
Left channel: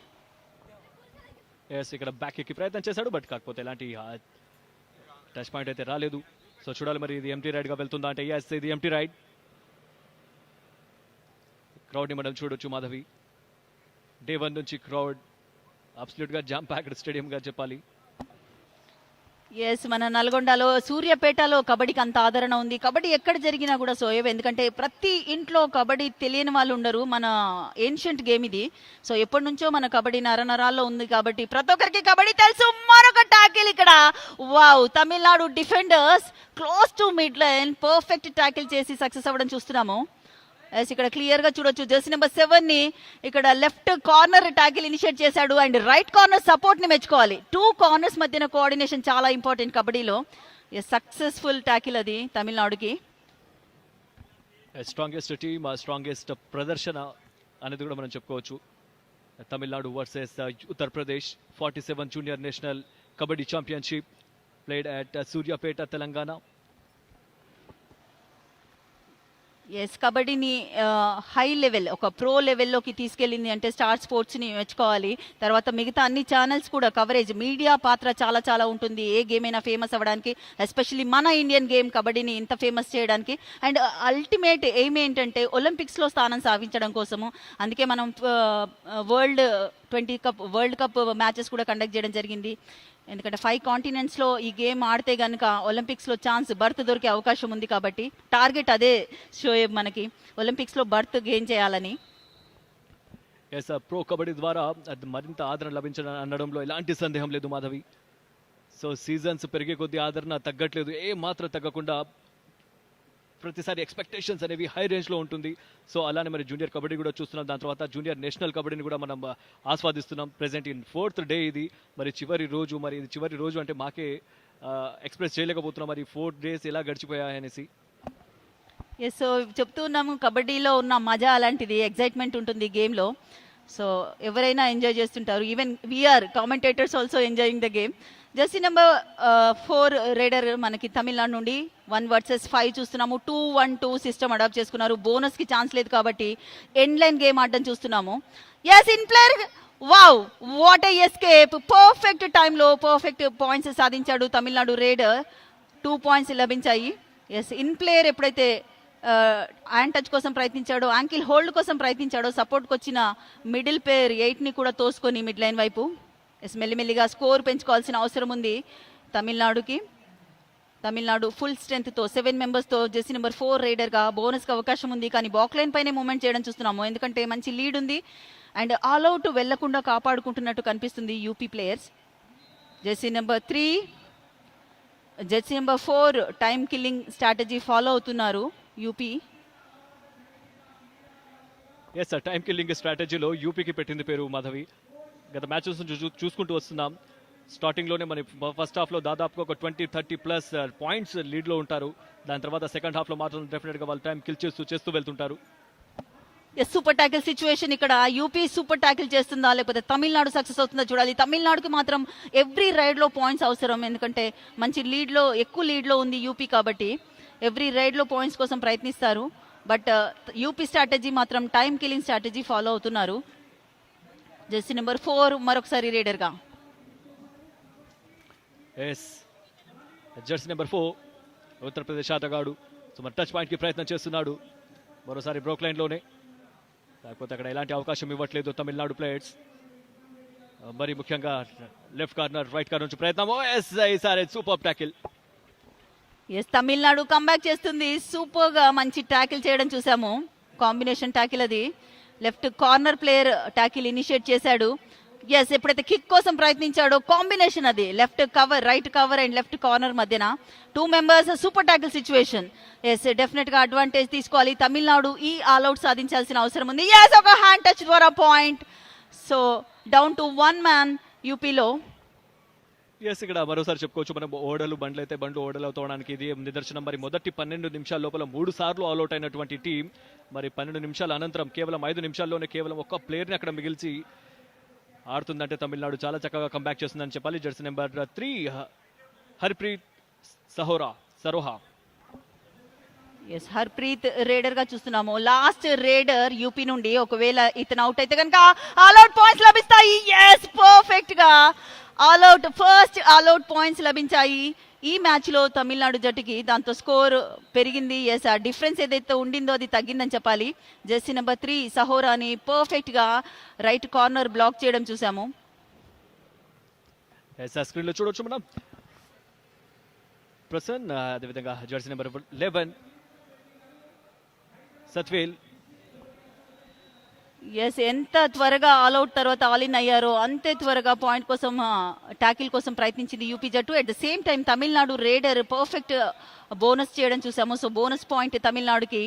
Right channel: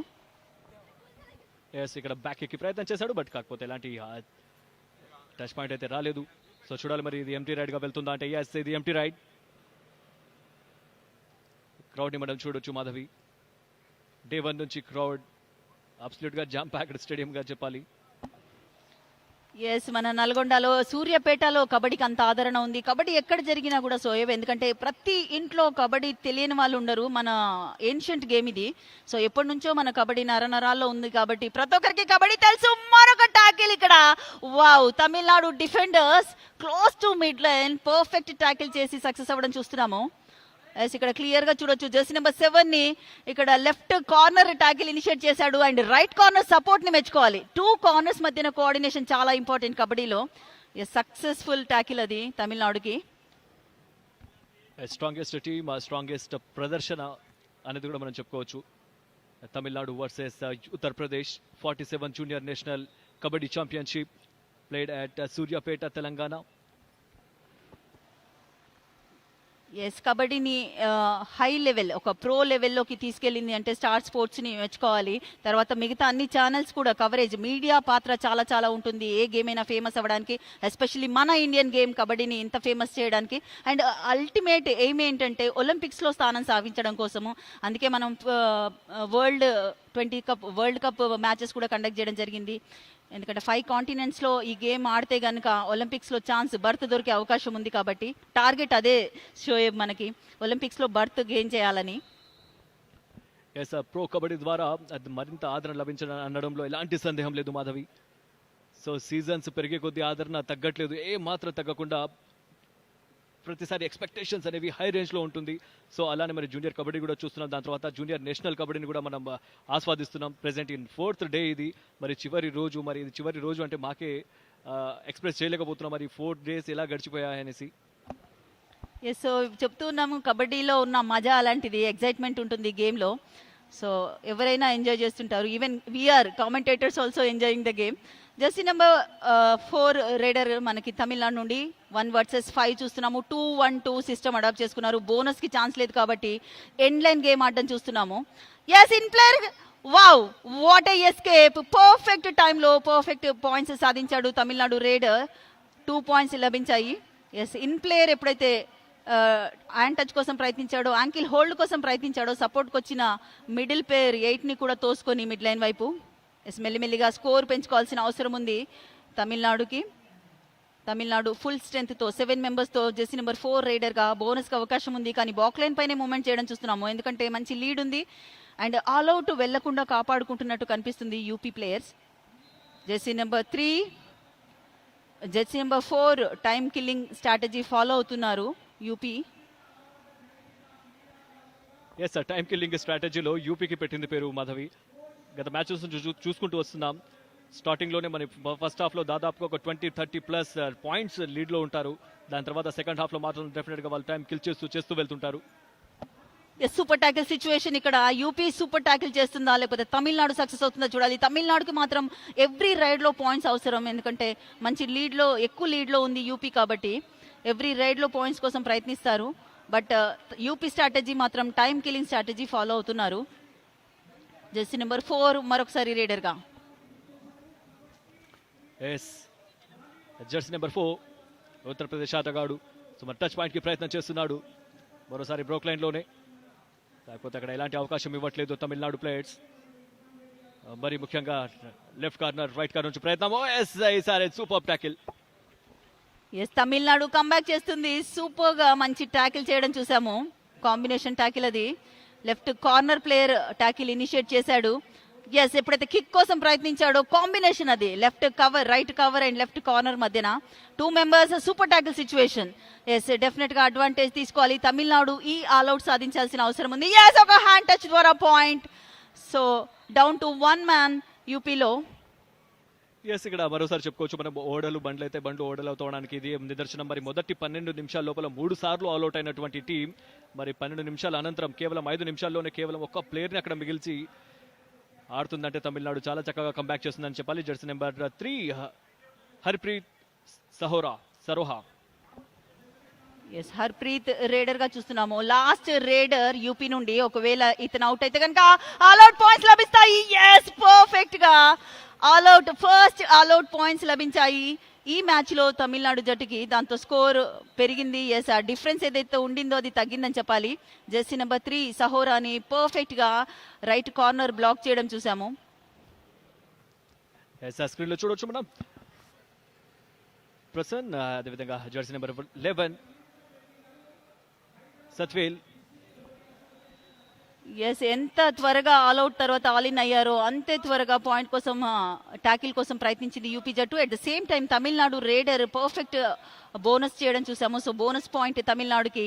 ఇక్కడ బ్యాక్ కి ప్రయత్నం చేశాడు, బట్ కాకపోతే ఎలాంటి టచ్ పాయింట్ అయితే రాలేదు. సో చూడాలి మరి ఇది ఎంటీ రైడ్ గా వెళ్తుందా అంటే yes, ఇది ఎంటీ రైడ్. క్రౌడ్ ని మనం చూడొచ్చు మాధవి. డే 1 నుంచి క్రౌడ్ అబ్సల్యూట్ గా జామ్ ప్యాక్డ్ స్టేడియం గా చెప్పాలి. ఎస్ మన నల్గొండలో సూర్యాపేటలో కబడ్డీకి అంత ఆదరణ ఉంది. కబడ్డీ ఎక్కడ జరిగినా కూడా సోయవ్, ఎందుకంటే ప్రతి ఇంట్లో కబడ్డీ తెలియని వాళ్ళు ఉండరు. మన ఏన్షియంట్ గేమ్ ఇది. సో ఎప్పటి నుంచో మన కబడ్డీ నరనరాల్లో ఉంది కాబట్టి ప్రతి ఒక్కరికి కబడ్డీ తెలుసు. మరొక టాకిల్ ఇక్కడ. Wow, Tamil Nadu defenders close to mid line perfect tackle చేసి సక్సెస్ అవ్వడం చూస్తున్నాము. ఇక్కడ క్లియర్ గా చూడొచ్చు జెర్సీ నెంబర్ 7 ని ఇక్కడ లెఫ్ట్ కార్నర్ టాకిల్ ఇనిషియేట్ చేశాడు అండ్ రైట్ కార్నర్ సపోర్ట్ ని మెచ్చుకోవాలి. 2 కార్నర్స్ మధ్యన కోఆర్డినేషన్ చాలా ఇంపార్టెంట్ కబడ్డీలో. సక్సెస్ఫుల్ టాకిల్ అది తమిళనాడుకి. స్ట్రాంగెస్ట్ టీమ్, స్ట్రాంగెస్ట్ ప్రదర్శన అనేది కూడా మనం చెప్పుకోవచ్చు. Tamil Nadu versus Uttar Pradesh 47 junior national kabaddi championship played at Suryapet, Telangana. Yes కబడ్డీని హై లెవెల్ ఒక ప్రో లెవెల్లోకి తీసుకెళ్ళింది అంటే స్టార్ స్పోర్ట్స్ ని మెచ్చుకోవాలి. తర్వాత మిగతా అన్ని ఛానల్స్ కూడా కవరేజ్, మీడియా పాత్ర చాలా చాలా ఉంటుంది ఏ గేమ్ అయినా ఫేమస్ అవ్వడానికి, ఎస్పెషల్లీ మన ఇండియన్ గేమ్ కబడ్డీని ఇంత ఫేమస్ చేయడానికి. అండ్ అల్టిమేట్ ఎయిమ్ ఏంటంటే ఒలింపిక్స్ లో స్థానం సాధించడం కోసము. అందుకే మనం వరల్డ్ కప్ మ్యాచెస్ కూడా కండక్ట్ చేయడం జరిగింది. ఎందుకంటే 5 కాంటినెంట్స్ లో ఈ గేమ్ ఆడితే కనుక ఒలింపిక్స్ లో ఛాన్స్ బర్త్ దొరికే అవకాశం ఉంది కాబట్టి టార్గెట్ అదే షోయబ్ మనకి, ఒలింపిక్స్ లో బర్త్ గెయిన్ చేయాలని. ప్రో కబడ్డీ ద్వారా మరింత ఆదరణ లభించిన అనడంలో ఎలాంటి సందేహం లేదు మాధవి. సో సీజన్స్ పెరిగే కొద్ది ఆదరణ తగ్గట్లేదు, ఏ మాత్రం తగ్గకుండా ప్రతిసారి ఎక్స్పెక్టేషన్స్ అనేవి హై రేంజ్ లో ఉంటుంది. సో అలానే మరి జూనియర్ కబడ్డీ కూడా చూస్తున్నాం, దాని తర్వాత జూనియర్ నేషనల్ కబడ్డీని కూడా మనం ఆస్వాదిస్తున్నాం. ప్రెసెంట్ ఇన్ 4th డే ఇది, మరి చివరి రోజు అంటే మాకే ఎక్స్ప్రెస్ చేయలేకపోతున్నాం మరి 4 days ఎలా గడిచిపోయాయనేసి. ఎస్ సో చెప్తున్నాము కబడ్డీలో ఉన్న మజా అలాంటిది, ఎక్సైట్మెంట్ ఉంటుంది ఈ గేమ్ లో. సో ఎవరైనా ఎంజాయ్ చేస్తుంటారు, even we are commentators also enjoying the game. Jersey number 4 raider మనకి తమిళనాడు నుండి 1 versus 5 చూస్తున్నాము. 2-1-2 సిస్టమ్ అడాప్ట్ చేసుకున్నారు. బోనస్ కి ఛాన్స్ లేదు కాబట్టి ఎండ్ లైన్ గేమ్ ఆడడం చూస్తున్నాము. Yes in player, wow what a escape, perfect time లో పర్ఫెక్ట్ పాయింట్స్ సాధించాడు తమిళనాడు రేడర్. 2 points లభించాయి. ఎస్ ఇన్ ప్లేయర్ ఎప్పుడైతే హ్యాండ్ టచ్ కోసం ప్రయత్నించాడో, యాంకిల్ హోల్డ్ కోసం ప్రయత్నించాడో, సపోర్ట్కి వచ్చిన మిడిల్ ప్లేయర్ 8 ని కూడా తోసుకొని మిడ్ లైన్ వైపు మెల్లిమెల్లిగా స్కోర్ పెంచుకోవాల్సిన అవసరం ఉంది తమిళనాడుకి. తమిళనాడు ఫుల్ స్ట్రెంత్ తో 7 members తో జెర్సీ నెంబర్ 4 రైడర్ గా బోనస్ కి అవకాశం ఉంది, కానీ బాక్ లైన్ పైనే మూవ్మెంట్ చేయడం చూస్తున్నాము. ఎందుకంటే మంచి లీడ్ ఉంది అండ్ ఆల్ అవుట్ వెళ్లకుండా కాపాడుకుంటున్నట్టు కనిపిస్తుంది UP players. Jersey number 3, Jersey number 4 time killing strategy follow అవుతున్నారు యూపీ. ఎస్ టైం కిల్లింగ్ స్ట్రాటజీలో యూపీకి పెట్టింది పేరు మాధవి. గత మ్యాచెస్ చూసుకుంటూ వస్తున్నాం. స్టార్టింగ్ లోనే మరి ఫస్ట్ హాఫ్ లో దాదాపు ఒక 20-30+ పాయింట్స్ లీడ్ లో ఉంటారు. దాని తర్వాత సెకండ్ హాఫ్ లో మాత్రం డెఫినెట్ గా వాళ్ళు టైం కిల్ చేస్తూ వెళ్తుంటారు. సూపర్ టాకిల్ సిచ్యువేషన్ ఇక్కడ. యూపీ సూపర్ టాకిల్ చేస్తుందా లేకపోతే తమిళనాడు సక్సెస్ అవుతుందా చూడాలి. తమిళనాడుకి మాత్రం ఎవ్రీ రైడ్ లో పాయింట్స్ అవసరం, ఎందుకంటే మంచి లీడ్ లో ఎక్కువ లీడ్ లో ఉంది యూపీ కాబట్టి ఎవ్రీ రైడ్ లో పాయింట్స్ కోసం ప్రయత్నిస్తారు. బట్ యూపీ స్ట్రాటజీ మాత్రం టైం కిల్లింగ్ స్ట్రాటజీ ఫాలో అవుతున్నారు. జెర్సీ నెంబర్ 4 మరొకసారి రైడర్ గా. జెర్సీ నెంబర్ 4 ఉత్తరప్రదేశ్ ఆటగాడు టచ్ పాయింట్ కి ప్రయత్నం చేస్తున్నాడు. మరోసారి బ్రోక్ లైన్ లోనే, కాకపోతే అక్కడ ఎలాంటి అవకాశం ఇవ్వట్లేదు తమిళనాడు ప్లేయర్స్. మరి ముఖ్యంగా లెఫ్ట్ కార్నర్ రైట్ కార్నర్ నుంచి ప్రయత్నం. Super tackle. తమిళనాడు కంబ్యాక్ చేస్తుంది. సూపర్ గా మంచి టాకిల్ చేయడం చూసాము, కాంబినేషన్ టాకిల్ అది. Left corner player tackle initiate చేశాడు. ఎస్, ఎప్పుడైతే కిక్ కోసం ప్రయత్నించాడో కాంబినేషన్ అది left cover, right cover and left corner మధ్యన 2 members super tackle situation. Yes, definite గా అడ్వాంటేజ్ తీసుకోవాలి తమిళనాడు. ఈ ఆల్అౌట్ సాధించాల్సిన అవసరం ఉంది. ఎస్, ఒక hand touch for a point. So down to 1 man యూపీలో. ఎస్, ఇక్కడ మరోసారి చెప్పుకోవచ్చు మనం ఓడలు బండ్లు అయితే బండ్లు ఓడలు తోవడానికి ఇది నిదర్శనం. మరి మొదటి 12 నిమిషాల లోపల 3 సార్లు ఆల్అౌట్ అయినటువంటి టీం మరి 12 నిమిషాల అనంతరం కేవలం 5 నిమిషాల్లోనే కేవలం ఒక ప్లేయర్ ని అక్కడ మిగిల్చి ఆడుతుందంటే తమిళనాడు చాలా చక్కగా కంబ్యాక్ చేస్తుందని చెప్పాలి. Jersey number 3 Harpreet Saroha. Yes, Harpreet raider గా చూస్తున్నాము. లాస్ట్ రేడర్ యూపీ నుండి. ఒకవేళ ఇతను అవుట్ అయితే కనుక ఆల్అౌట్ పాయింట్స్ లభిస్తాయి. ఎస్, పర్ఫెక్ట్ గా ఆల్అౌట్, ఫస్ట్ ఆల్అౌట్ పాయింట్స్ లభించాయి ఈ మ్యాచ్ లో తమిళనాడు జట్టుకి. దాంతో స్కోర్ పెరిగింది. ఎస్, ఆ డిఫరెన్స్ ఏదైతే ఉండిందో అది తగ్గిందని చెప్పాలి. జెర్సీ నెంబర్ 3 సహోరాని పర్ఫెక్ట్ గా రైట్ కార్నర్ బ్లాక్ చేయడం చూసాము. చూడొచ్చు మనం ప్రసన్, అదేవిధంగా జెర్సీ నెంబర్ 11 సత్వేల్. ఎస్, ఎంత త్వరగా ఆల్అౌట్ తర్వాత ఆలిన్ అయ్యారో అంతే త్వరగా పాయింట్ కోసం టాకిల్ కోసం ప్రయత్నించింది యూపీ జట్టు. At the same time Tamil Nadu raider perfect bonus చేయడం చూసాము. సో బోనస్ పాయింట్ తమిళనాడుకి.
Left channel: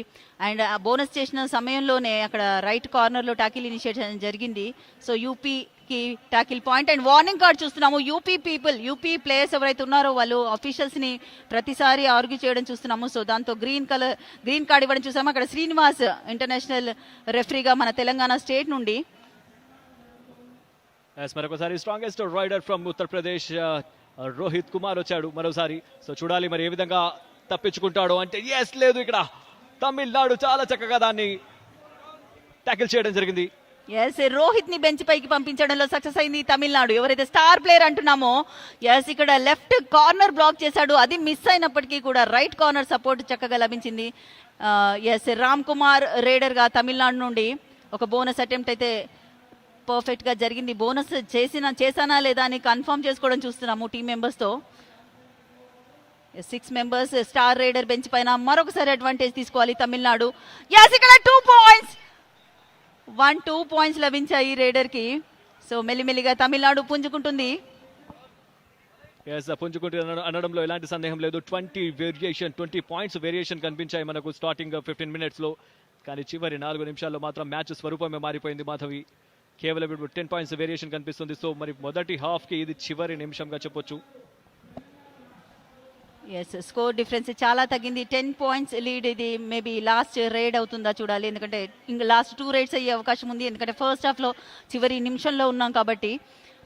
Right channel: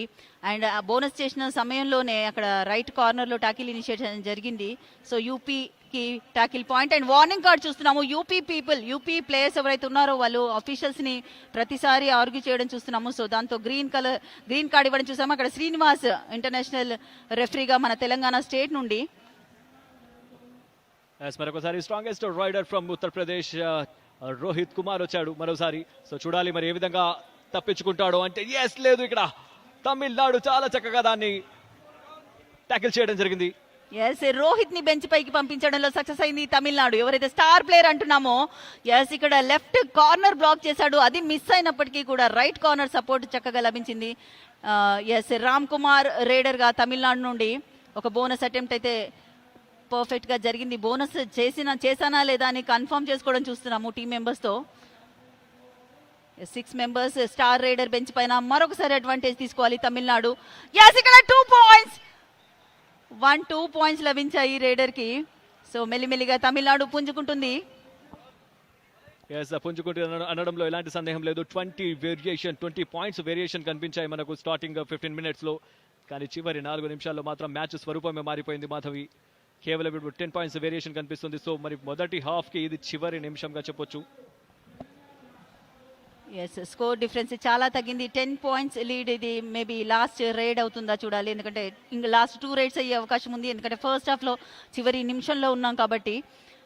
అండ్ ఆ బోనస్ చేసిన సమయంలోనే అక్కడ రైట్ కార్నర్ లో టాకిల్ ఇనిషియేషన్ జరిగింది. సో యూపీకి tackle point. And warning card చూస్తున్నాము. యూపీ ప్లేయర్స్ ఎవరైతే ఉన్నారో వాళ్ళు అఫీషియల్స్ ని ప్రతిసారి ఆర్గ్యూ చేయడం చూస్తున్నాము. సో దాంతో గ్రీన్ కార్డ్ ఇవ్వడం చూసాము. అక్కడ శ్రీనివాస్ ఇంటర్నేషనల్ రెఫరీగా మన తెలంగాణ స్టేట్ నుండి. Strongest raider from Uttar Pradesh Rohit Kumar వచ్చాడు మరోసారి. సో చూడాలి మరి ఏ విధంగా తప్పించుకుంటాడు అంటే. ఎస్, లేదు, ఇక్కడ తమిళనాడు చాలా చక్కగా దాన్ని టాకిల్ చేయడం జరిగింది. ఎస్, రోహిత్ ని బెంచ్ పైకి పంపించడంలో సక్సెస్ అయింది తమిళనాడు. ఎవరైతే స్టార్ ప్లేయర్ అంటున్నామో ఎస్, ఇక్కడ లెఫ్ట్ కార్నర్ బ్లాక్ చేశాడు. అది మిస్ అయినప్పటికీ కూడా రైట్ కార్నర్ సపోర్ట్ చక్కగా లభించింది. ఎస్, రామ్ కుమార్ రేడర్ గా తమిళనాడు నుండి ఒక బోనస్ అటెంప్ట్ అయితే పర్ఫెక్ట్ గా జరిగింది. బోనస్ చేశానా లేదా అని కన్ఫర్మ్ చేసుకోవడం చూస్తున్నాము టీం మెంబర్స్ తో. 6 మెంబర్స్ స్టార్ రైడర్ బెంచ్ పైన మరొకసారి అడ్వాంటేజ్ తీసుకోవాలి తమిళనాడు. ఎస్, ఇక్కడ 2 పాయింట్స్ 2 పాయింట్స్ లభించాయి రైడర్ కి. సో మెల్లిమెల్లిగా తమిళనాడు పుంజుకుంటుంది. అనడంలో ఎలాంటి సందేహం లేదు. 20 పాయింట్స్ వేరియేషన్ కనిపించాయి మనకు స్టార్టింగ్ 15 మినిట్స్ లో. కానీ చివరి 4 నిమిషాల్లో మాత్రం మ్యాచ్ స్వరూపమే మారిపోయింది మాధవి. కేవలం 10 పాయింట్స్ వేరియేషన్ కనిపిస్తుంది. సో మరి మొదటి హాఫ్ కి ఇది చివరి నిమిషంగా చెప్పొచ్చు. ఎస్, స్కోర్ డిఫరెన్స్ చాలా తగ్గింది. 10 పాయింట్స్ లీడ్. ఇది మేబీ లాస్ట్ రైడ్ అవుతుందా చూడాలి. ఎందుకంటే ఇంకా లాస్ట్ 2 రైడ్స్ అయ్యే అవకాశం ఉంది. ఎందుకంటే ఫస్ట్ హాఫ్ లో చివరి నిమిషంలో ఉన్నాం కాబట్టి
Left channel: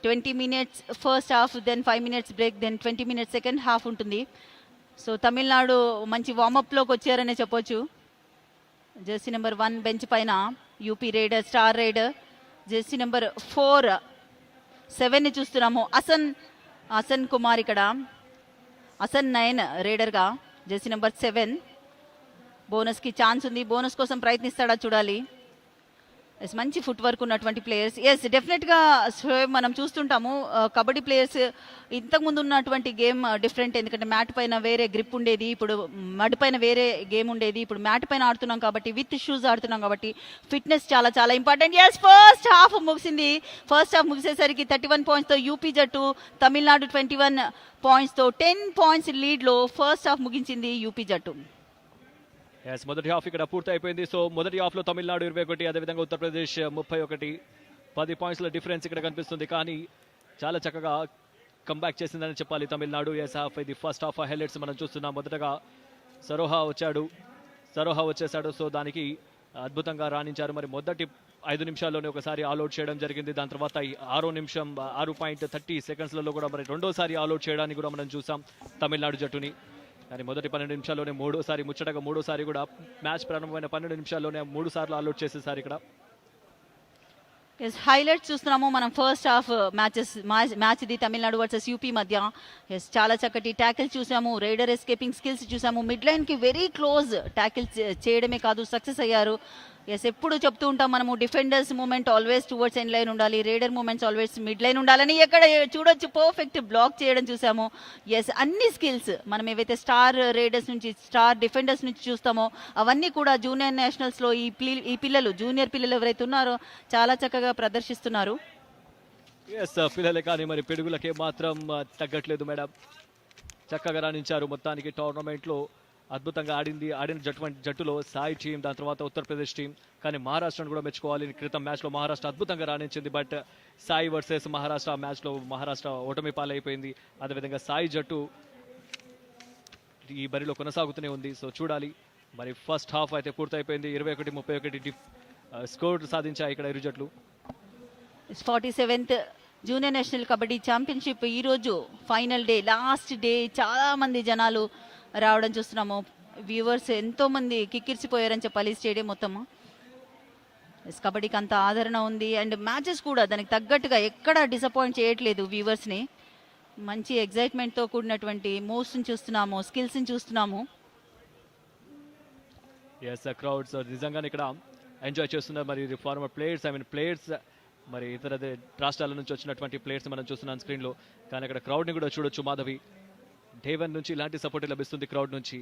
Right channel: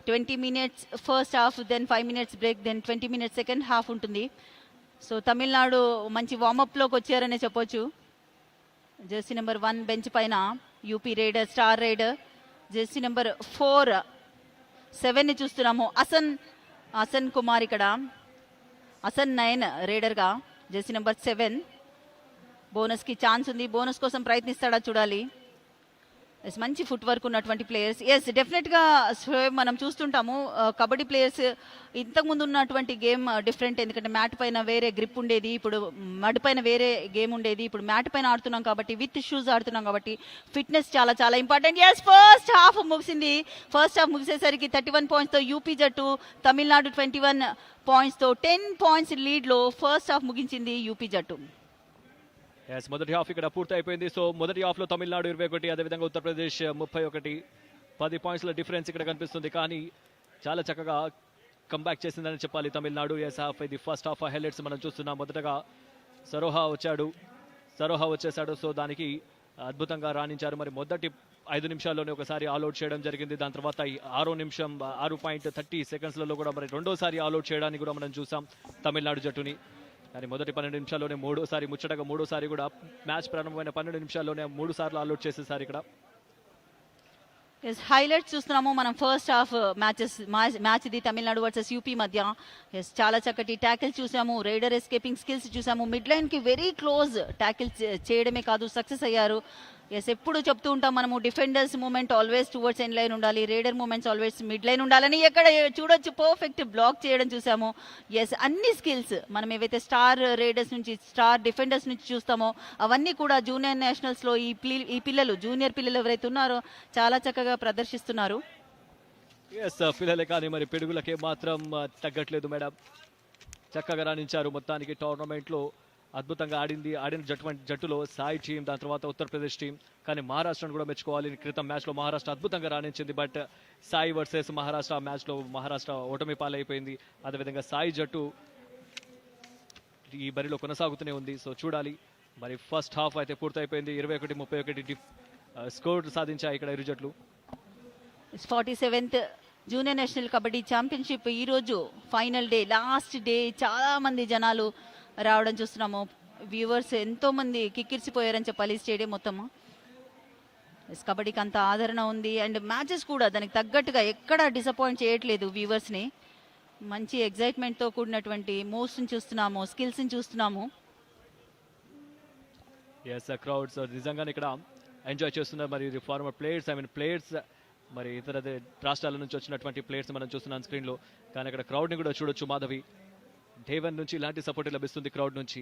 20 minutes first half, then 5 minutes break, then 20 minutes second half ఉంటుంది. సో తమిళనాడు మంచి వార్మప్ లోకి వచ్చారనే చెప్పొచ్చు. జెర్సీ నెంబర్ 1 బెంచ్ పైన UP raider, star raider. Jersey number 4 7 ని చూస్తున్నాము. అసన్ కుమార్ ఇక్కడ. అసన్ 9 రైడర్ గా. జెర్సీ నెంబర్ 7 బోనస్ కి ఛాన్స్ ఉంది. బోనస్ కోసం ప్రయత్నిస్తాడా చూడాలి. మంచి ఫుట్ వర్క్ ఉన్నటువంటి ప్లేయర్స్. ఎస్, డెఫినెట్ గా మనం చూస్తుంటాము కబడ్డీ ప్లేయర్స్. ఇంతకుముందు ఉన్నటువంటి గేమ్ డిఫరెంట్. ఎందుకంటే మ్యాట్ పైన వేరే గ్రిప్ ఉండేది, ఇప్పుడు మడ్ పైన వేరే గేమ్ ఉండేది. ఇప్పుడు మ్యాట్ పైన ఆడుతున్నాం కాబట్టి, విత్ షూస్ ఆడుతున్నాం కాబట్టి ఫిట్నెస్ చాలా చాలా ఇంపార్టెంట్. ఎస్, ఫస్ట్ హాఫ్ ముగిసింది. ఫస్ట్ హాఫ్ ముగిసేసరికి 31 పాయింట్స్ తో యూపీ జట్టు తమిళనాడు 21 పాయింట్స్ తో 10 పాయింట్స్ లీడ్ లో ఫస్ట్ హాఫ్ ముగించింది యూపీ జట్టు. మొదటి హాఫ్ ఇక్కడ పూర్తి అయిపోయింది. సో మొదటి హాఫ్ లో తమిళనాడు 21, అదేవిధంగా ఉత్తరప్రదేశ్ 31. 10 పాయింట్స్ డిఫరెన్స్ ఇక్కడ కనిపిస్తుంది. కానీ చాలా చక్కగా కంబ్యాక్ చేసిందని చెప్పాలి తమిళనాడు. ఇది ఫస్ట్ హాఫ్ హైలైట్స్ మనం చూస్తున్నాం. మొదటగా సరోహా వచ్చేసాడు. సో దానికి అద్భుతంగా రాణించారు. మరి మొదటి 5 నిమిషాల్లోనే ఒకసారి ఆల్అౌట్ చేయడం జరిగింది. దాని తర్వాత 6.30 సెకండ్స్లలో కూడా మరి రెండోసారి ఆల్అౌట్ చేయడానికి కూడా మనం చూసాం తమిళనాడు జట్టుని. కానీ మొదటి 12 నిమిషాల్లోనే మూడోసారి కూడా మ్యాచ్ ప్రారంభమైన 12 నిమిషాల్లోనే 3 సార్లు ఆల్అౌట్ చేసేసారు ఇక్కడ. హైలైట్స్ చూస్తున్నాము మనం ఫస్ట్ హాఫ్ మ్యాచ్ ఇది తమిళనాడు వర్సెస్ యూపీ మధ్య. చాలా చక్కటి ట్యాకిల్ చూసాము. రైడర్ ఎస్కేపింగ్ స్కిల్స్ చూసాము. మిడ్ లైన్ కి వెరీ క్లోజ్ ట్యాకిల్ చేయడమే కాదు సక్సెస్ అయ్యారు. ఎస్ ఎప్పుడు చెప్తూ ఉంటాం మనము defenders movement always towards end line ఉండాలి, raider movements always mid line ఉండాలని. ఎక్కడ చూడొచ్చు పర్ఫెక్ట్ బ్లాక్ చేయడం చూసాము. ఎస్ అన్ని స్కిల్స్ మనం ఏవైతే స్టార్ రేడర్స్ నుంచి స్టార్ డిఫెండర్స్ నుంచి చూస్తామో అవన్నీ కూడా జూనియర్ నేషనల్స్ లో ఈ పిల్లలు జూనియర్ పిల్లలు ఎవరైతే ఉన్నారో చాలా చక్కగా ప్రదర్శిస్తున్నారు. పిల్లలే కానీ మరి పిడుగులకే మాత్రం తగ్గట్లేదు మేడం. చక్కగా రాణించారు మొత్తానికి టోర్నమెంట్ లో. అద్భుతంగా ఆడిన జట్టులో సాయి టీం, దాని తర్వాత ఉత్తరప్రదేశ్ టీం. కానీ మహారాష్ట్రను కూడా మెచ్చుకోవాలి. క్రితం మ్యాచ్ లో మహారాష్ట్ర అద్భుతంగా రాణించింది. But SAI versus Maharashtra match లో మహారాష్ట్ర ఓటమి పాలైపోయింది. అదేవిధంగా సాయి జట్టు ఈ బరిలో కొనసాగుతూనే ఉంది. సో చూడాలి. మరి ఫస్ట్ హాఫ్ అయితే పూర్తయిపోయింది. 21-31 స్కోర్ సాధించాయి ఇక్కడ ఇరు జట్లు. 47th junior national kabaddi championship ఈ రోజు ఫైనల్ డే, లాస్ట్ డే. చాలా మంది జనాలు రావడం చూస్తున్నాము. వ్యూవర్స్ ఎంతో మంది కిక్కిరిసిపోయారని చెప్పాలి స్టేడియం మొత్తము. కబడ్డీకి అంత ఆదరణ ఉంది అండ్ మ్యాచెస్ కూడా దానికి తగ్గట్టుగా ఎక్కడ డిసప్పాయింట్ చేయట్లేదు వ్యూవర్స్ ని. మంచి ఎగ్జైట్మెంట్ తో కూడినటువంటి మూవ్స్ ని చూస్తున్నాము, స్కిల్స్ ని చూస్తున్నాము. క్రౌడ్స్ నిజంగా ఇక్కడ ఎంజాయ్ చేస్తున్నారు. మరి ఫార్మర్ ప్లేయర్స్ మరి ఇతర రాష్ట్రాల నుంచి వచ్చినటువంటి ప్లేయర్స్ మనం చూస్తున్నాం స్క్రీన్ లో. కానీ ఇక్కడ క్రౌడ్ ని కూడా చూడొచ్చు మాధవి. డేవన్ నుంచి ఇలాంటి సపోర్ట్ లభిస్తుంది క్రౌడ్ నుంచి.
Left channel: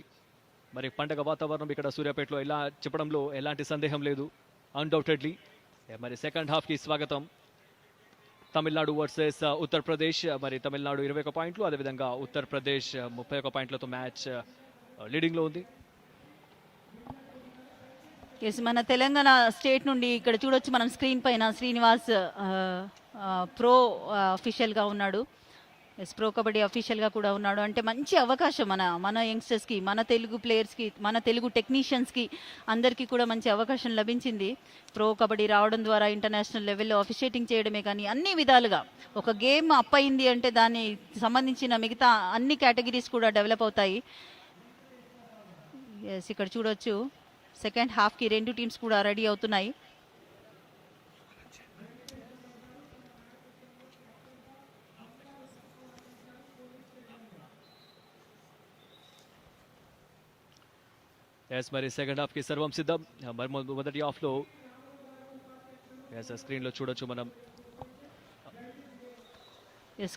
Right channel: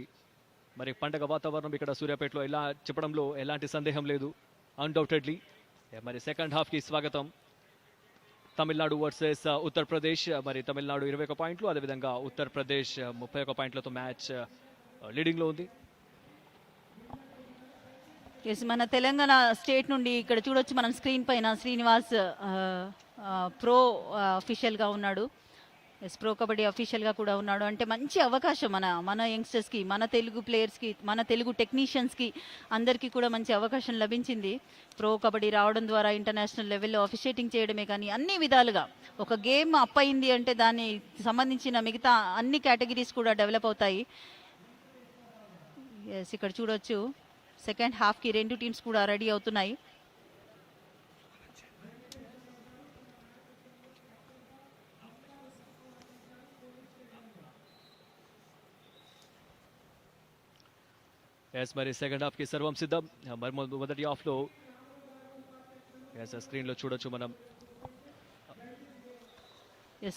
మరి పండగ వాతావరణం ఇక్కడ సూర్యాపేటలో ఇలా చెప్పడంలో ఎలాంటి సందేహం లేదు. అన్డౌటెడ్లీ మరి సెకండ్ హాఫ్ కి స్వాగతం. తమిళనాడు వర్సెస్ ఉత్తరప్రదేశ్. మరి తమిళనాడు 21 పాయింట్లు, అదేవిధంగా ఉత్తరప్రదేశ్ 31 పాయింట్లతో మ్యాచ్ లీడింగ్ లో ఉంది. మన తెలంగాణ స్టేట్ నుండి ఇక్కడ చూడొచ్చు మనం స్క్రీన్ పైన శ్రీనివాస్ ప్రో అఫీషియల్ గా ఉన్నాడు. ప్రో కబడ్డీ అఫీషియల్ గా కూడా ఉన్నాడు. అంటే మంచి అవకాశం మన యంగ్స్టర్స్ కి, మన తెలుగు ప్లేయర్స్ కి, మన తెలుగు టెక్నీషియన్స్ కి అందరికీ కూడా మంచి అవకాశం లభించింది. ప్రో కబడ్డీ రావడం ద్వారా ఇంటర్నేషనల్ లెవెల్లో అఫిషియేటింగ్ చేయడమే కానీ అన్ని విధాలుగా ఒక గేమ్ అప్ అయింది అంటే దాని సంబంధించిన మిగతా అన్ని కేటగిరీస్ కూడా డెవలప్ అవుతాయి. ఇక్కడ చూడొచ్చు సెకండ్ హాఫ్ కి రెండు టీమ్స్ కూడా రెడీ అవుతున్నాయి. మరి సెకండ్ హాఫ్ కి సర్వం సిద్ధం. మరి మొదటి హాఫ్ లో స్క్రీన్ లో చూడొచ్చు మనం